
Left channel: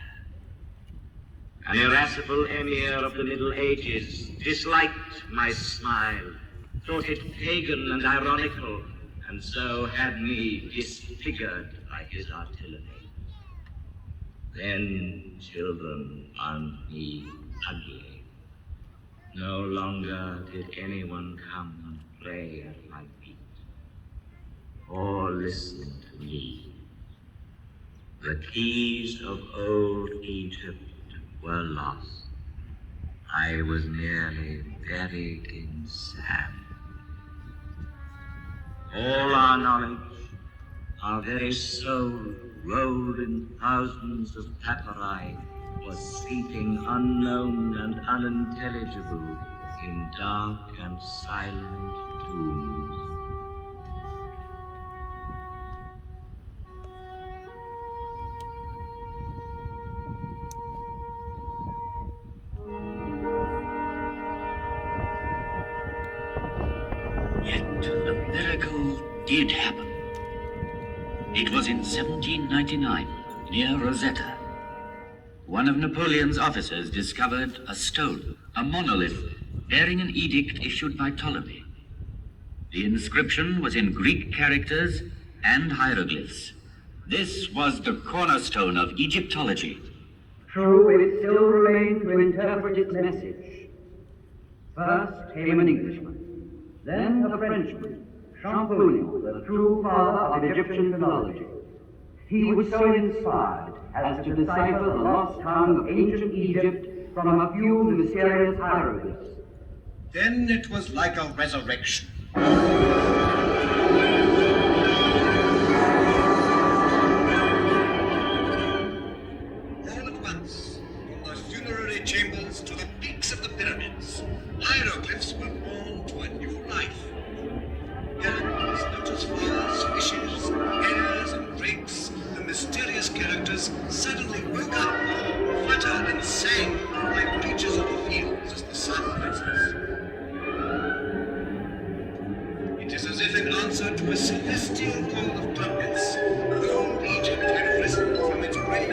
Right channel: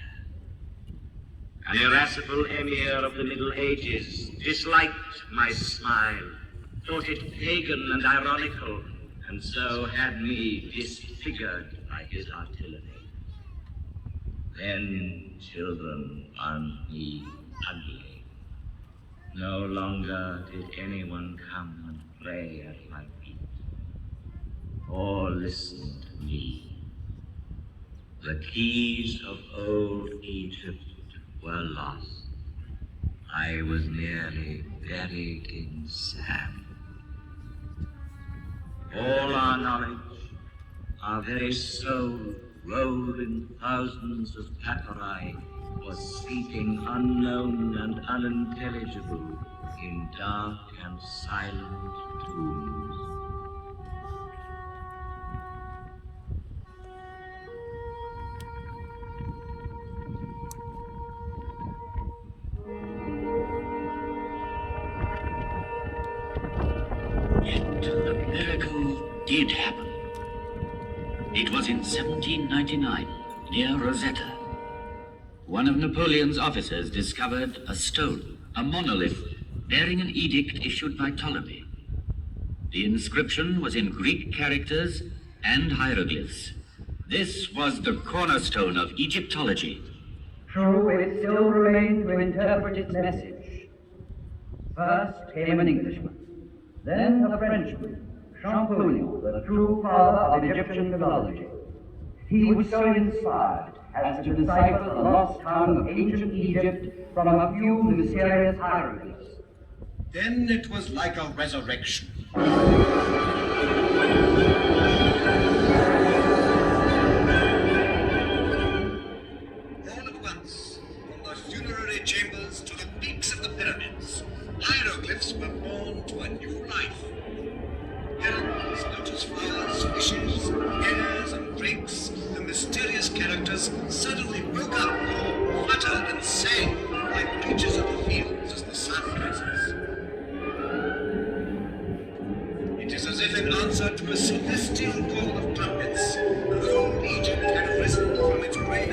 An irascible emir of the Middle Ages disliked my smile, thought it pagan and ironical, and so had me disfigured by his artillery. Then children found me ugly. No longer did anyone come and pray at my feet or listen to me. The keys of old Egypt were lost. I was nearly buried in sand. All our knowledge, our very soul, rowed in thousands of papyri, was sleeping unknown and unintelligible in dark and silent tombs. Yet the miracle did happen. It was in 1799, near Rosetta. One of Napoleon's officers discovered a stone, a monolith, bearing an edict issued by Ptolemy. The inscription was in Greek characters and hieroglyphs. This was the cornerstone of Egyptology. True, it still remained to interpret its message. First came an Englishman, then a Frenchman, Champollion, the true father of Egyptian philology. He was so inspired as to decipher the lost tongue of ancient Egypt from a few mysterious hieroglyphs. Then it was like a resurrection. All at once, from the funerary chambers to the peaks of the pyramids, hieroglyphs were born to a new life. Herons, lotus flowers, fishes, hares, and drakes, the mysterious characters suddenly woke up, fluttered and sang like creatures of the fields as the sun rises. It is as if in answer to a celestial call of trumpets, old Egypt had risen from its grave,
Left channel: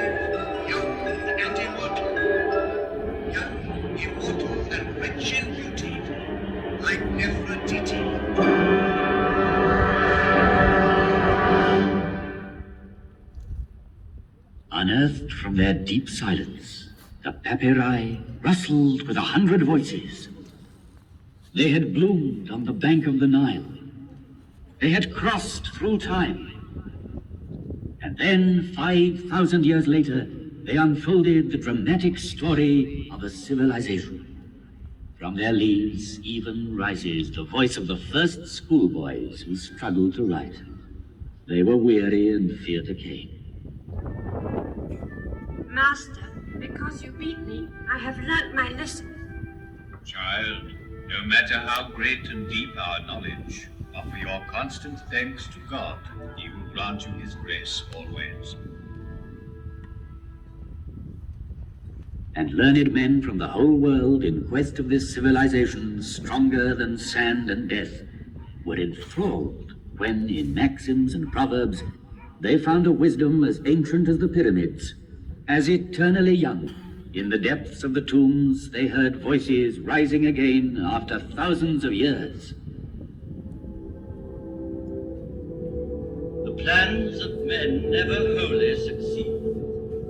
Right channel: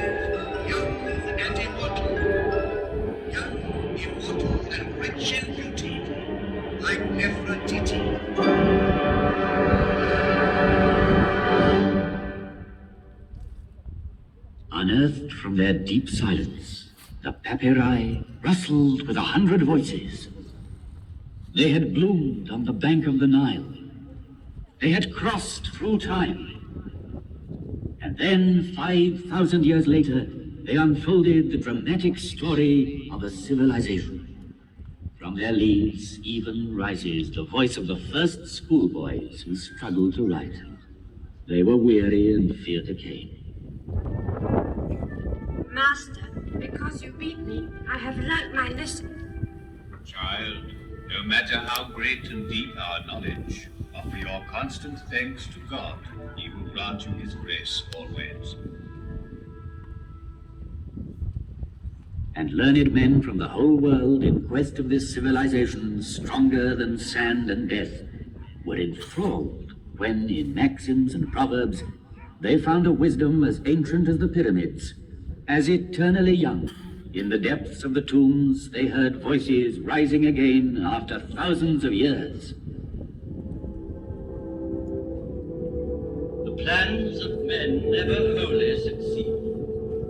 young and immortal. Young, immortal, and rich in beauty, like Nefertiti. Unearthed from their deep silence, the papyri rustled with 100 voices. They had bloomed on the bank of the Nile. They had crossed through time. And then, 5,000 years later, they unfolded the dramatic story of a civilization. From their leaves even rises the voice of the first schoolboys who struggled to write. They were weary and feared decay. Master, because you beat me, I have learnt my lesson. Child, no matter how great and deep our knowledge, offer your constant thanks to God. He will grant you his grace always. And learned men from the whole world in quest of this civilization stronger than sand and death were enthralled when, in maxims and proverbs, they found a wisdom as ancient as the pyramids, as eternally young. In the depths of the tombs, they heard voices rising again after thousands of years. The plans of men never wholly succeed,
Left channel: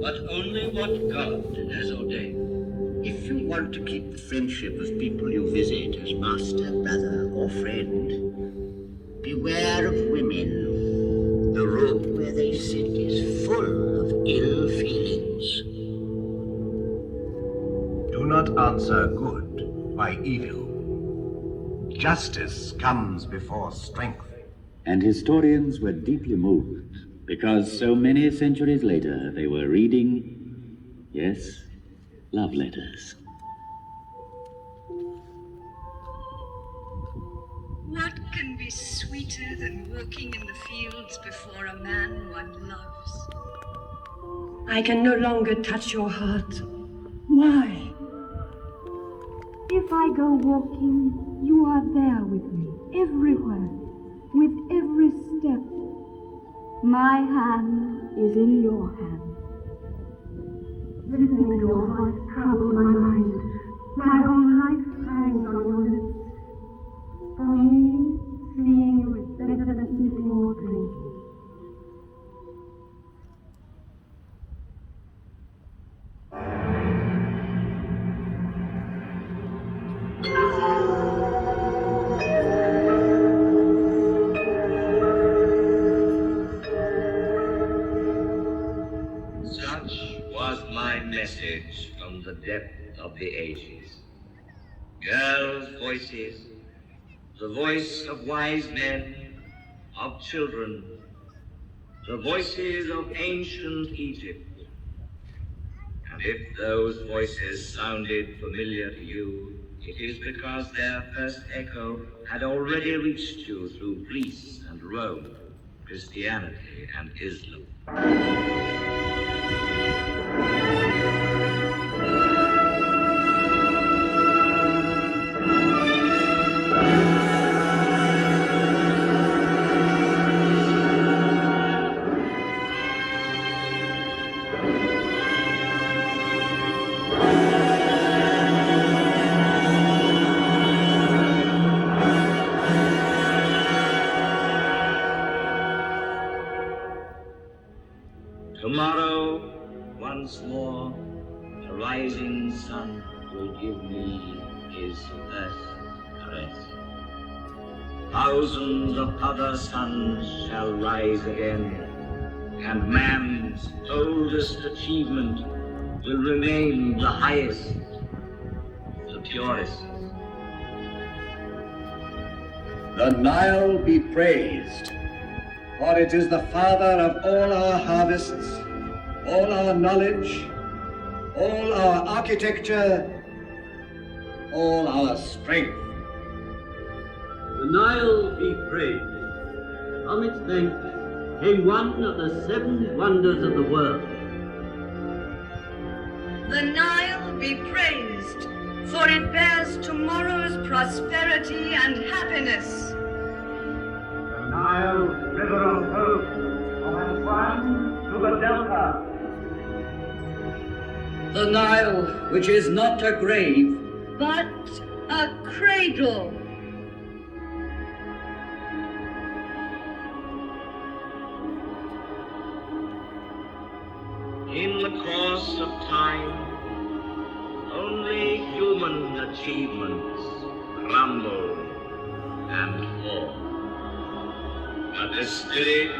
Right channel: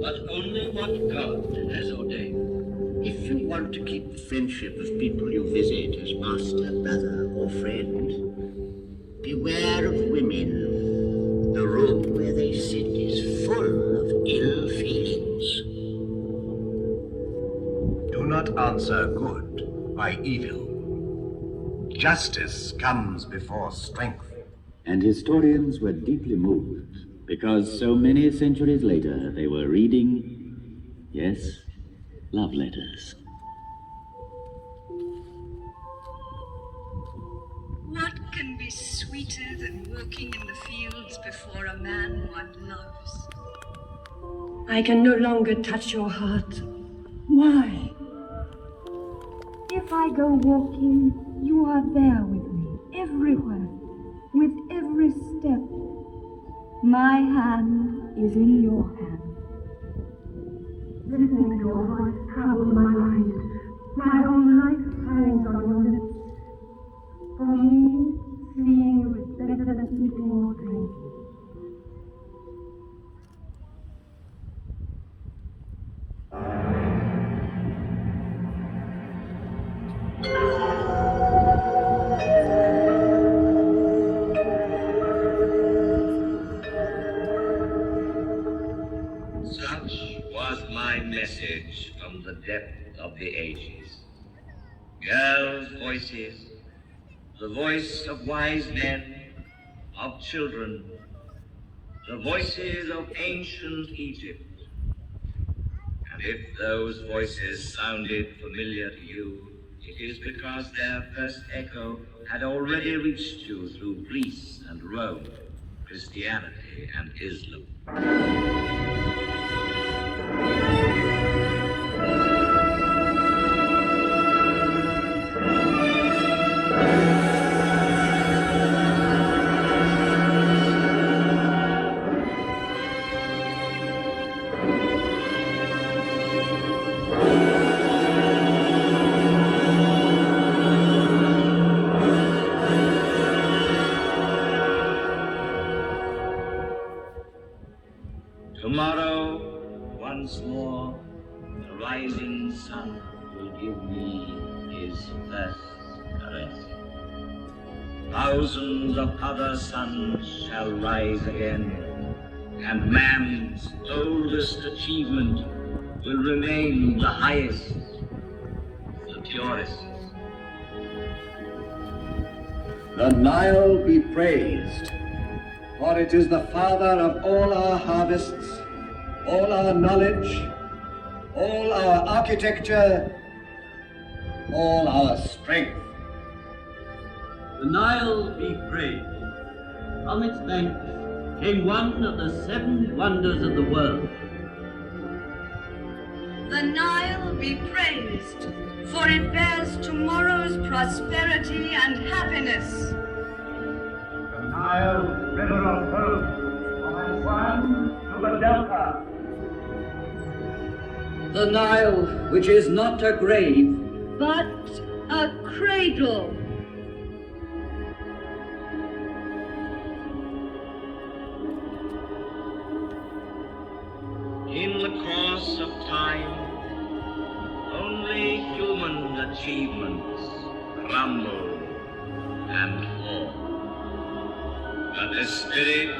but only what God has ordained. If you want to keep the friendship of people you visit as master, brother, or friend, beware of women. The room where they sit is full of ill feelings. Do not answer good by evil. Justice comes before strength. And historians were deeply moved, because so many centuries later they were reading, yes, love letters. What can be sweeter than walking in the fields before a man one loves? I can no longer touch your heart. Why? If I go walking, you are there with me, everywhere, with every step. My hand is in your hand. Listening to your voice troubles my mind. My whole life hangs on your lips. For me, seeing you is better than eating or drinking. Such was my message from the depth of the ages. girls' voices, the voice of wise men, of children, the voices of ancient Egypt. And if those voices sounded familiar to you, it is because their first echo had already reached you through Greece and Rome, Christianity and Islam. Tomorrow, once more, the rising sun will give me his first caress. Thousands of other suns shall rise again, and man's oldest achievement will remain the highest, the purest. The Nile be praised, for it is the father of all our harvests, all our knowledge, all our architecture, all our strength. The Nile be praised. From its banks came one of the 7 wonders of the world. The Nile be praised, for it bears tomorrow's prosperity and happiness. The Nile, river of hope, from Assam to the Delta. The Nile, which is not a grave, But a cradle. In the course of time, only human achievements crumble and fall. But the spirit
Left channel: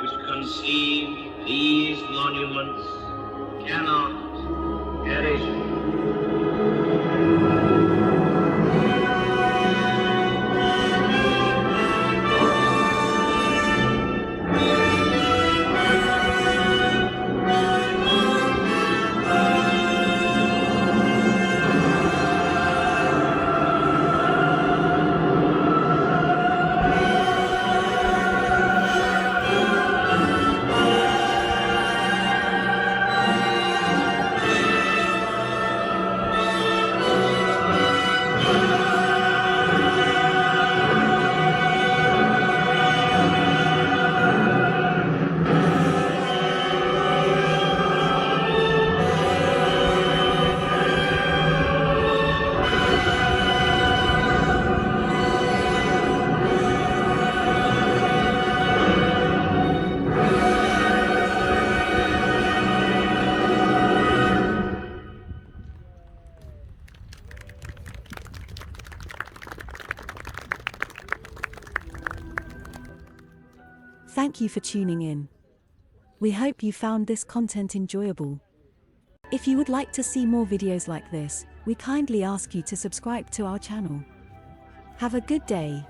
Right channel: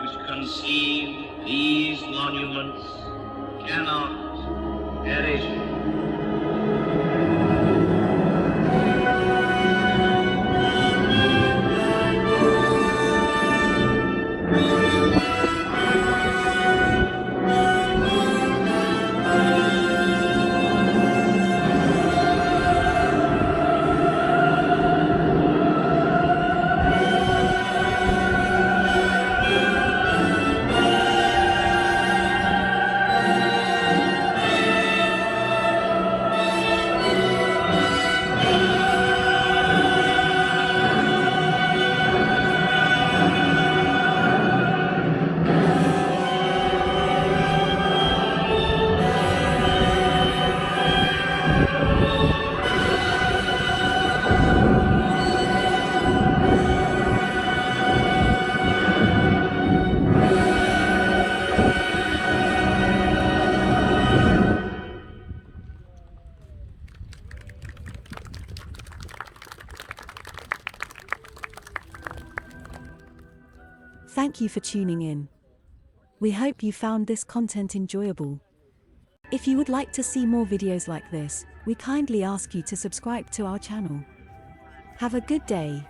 which conceived these monuments cannot perish. Thank you for tuning in. We hope you found this content enjoyable. If you would like to see more videos like this, we kindly ask you to subscribe to our channel. Have a good day.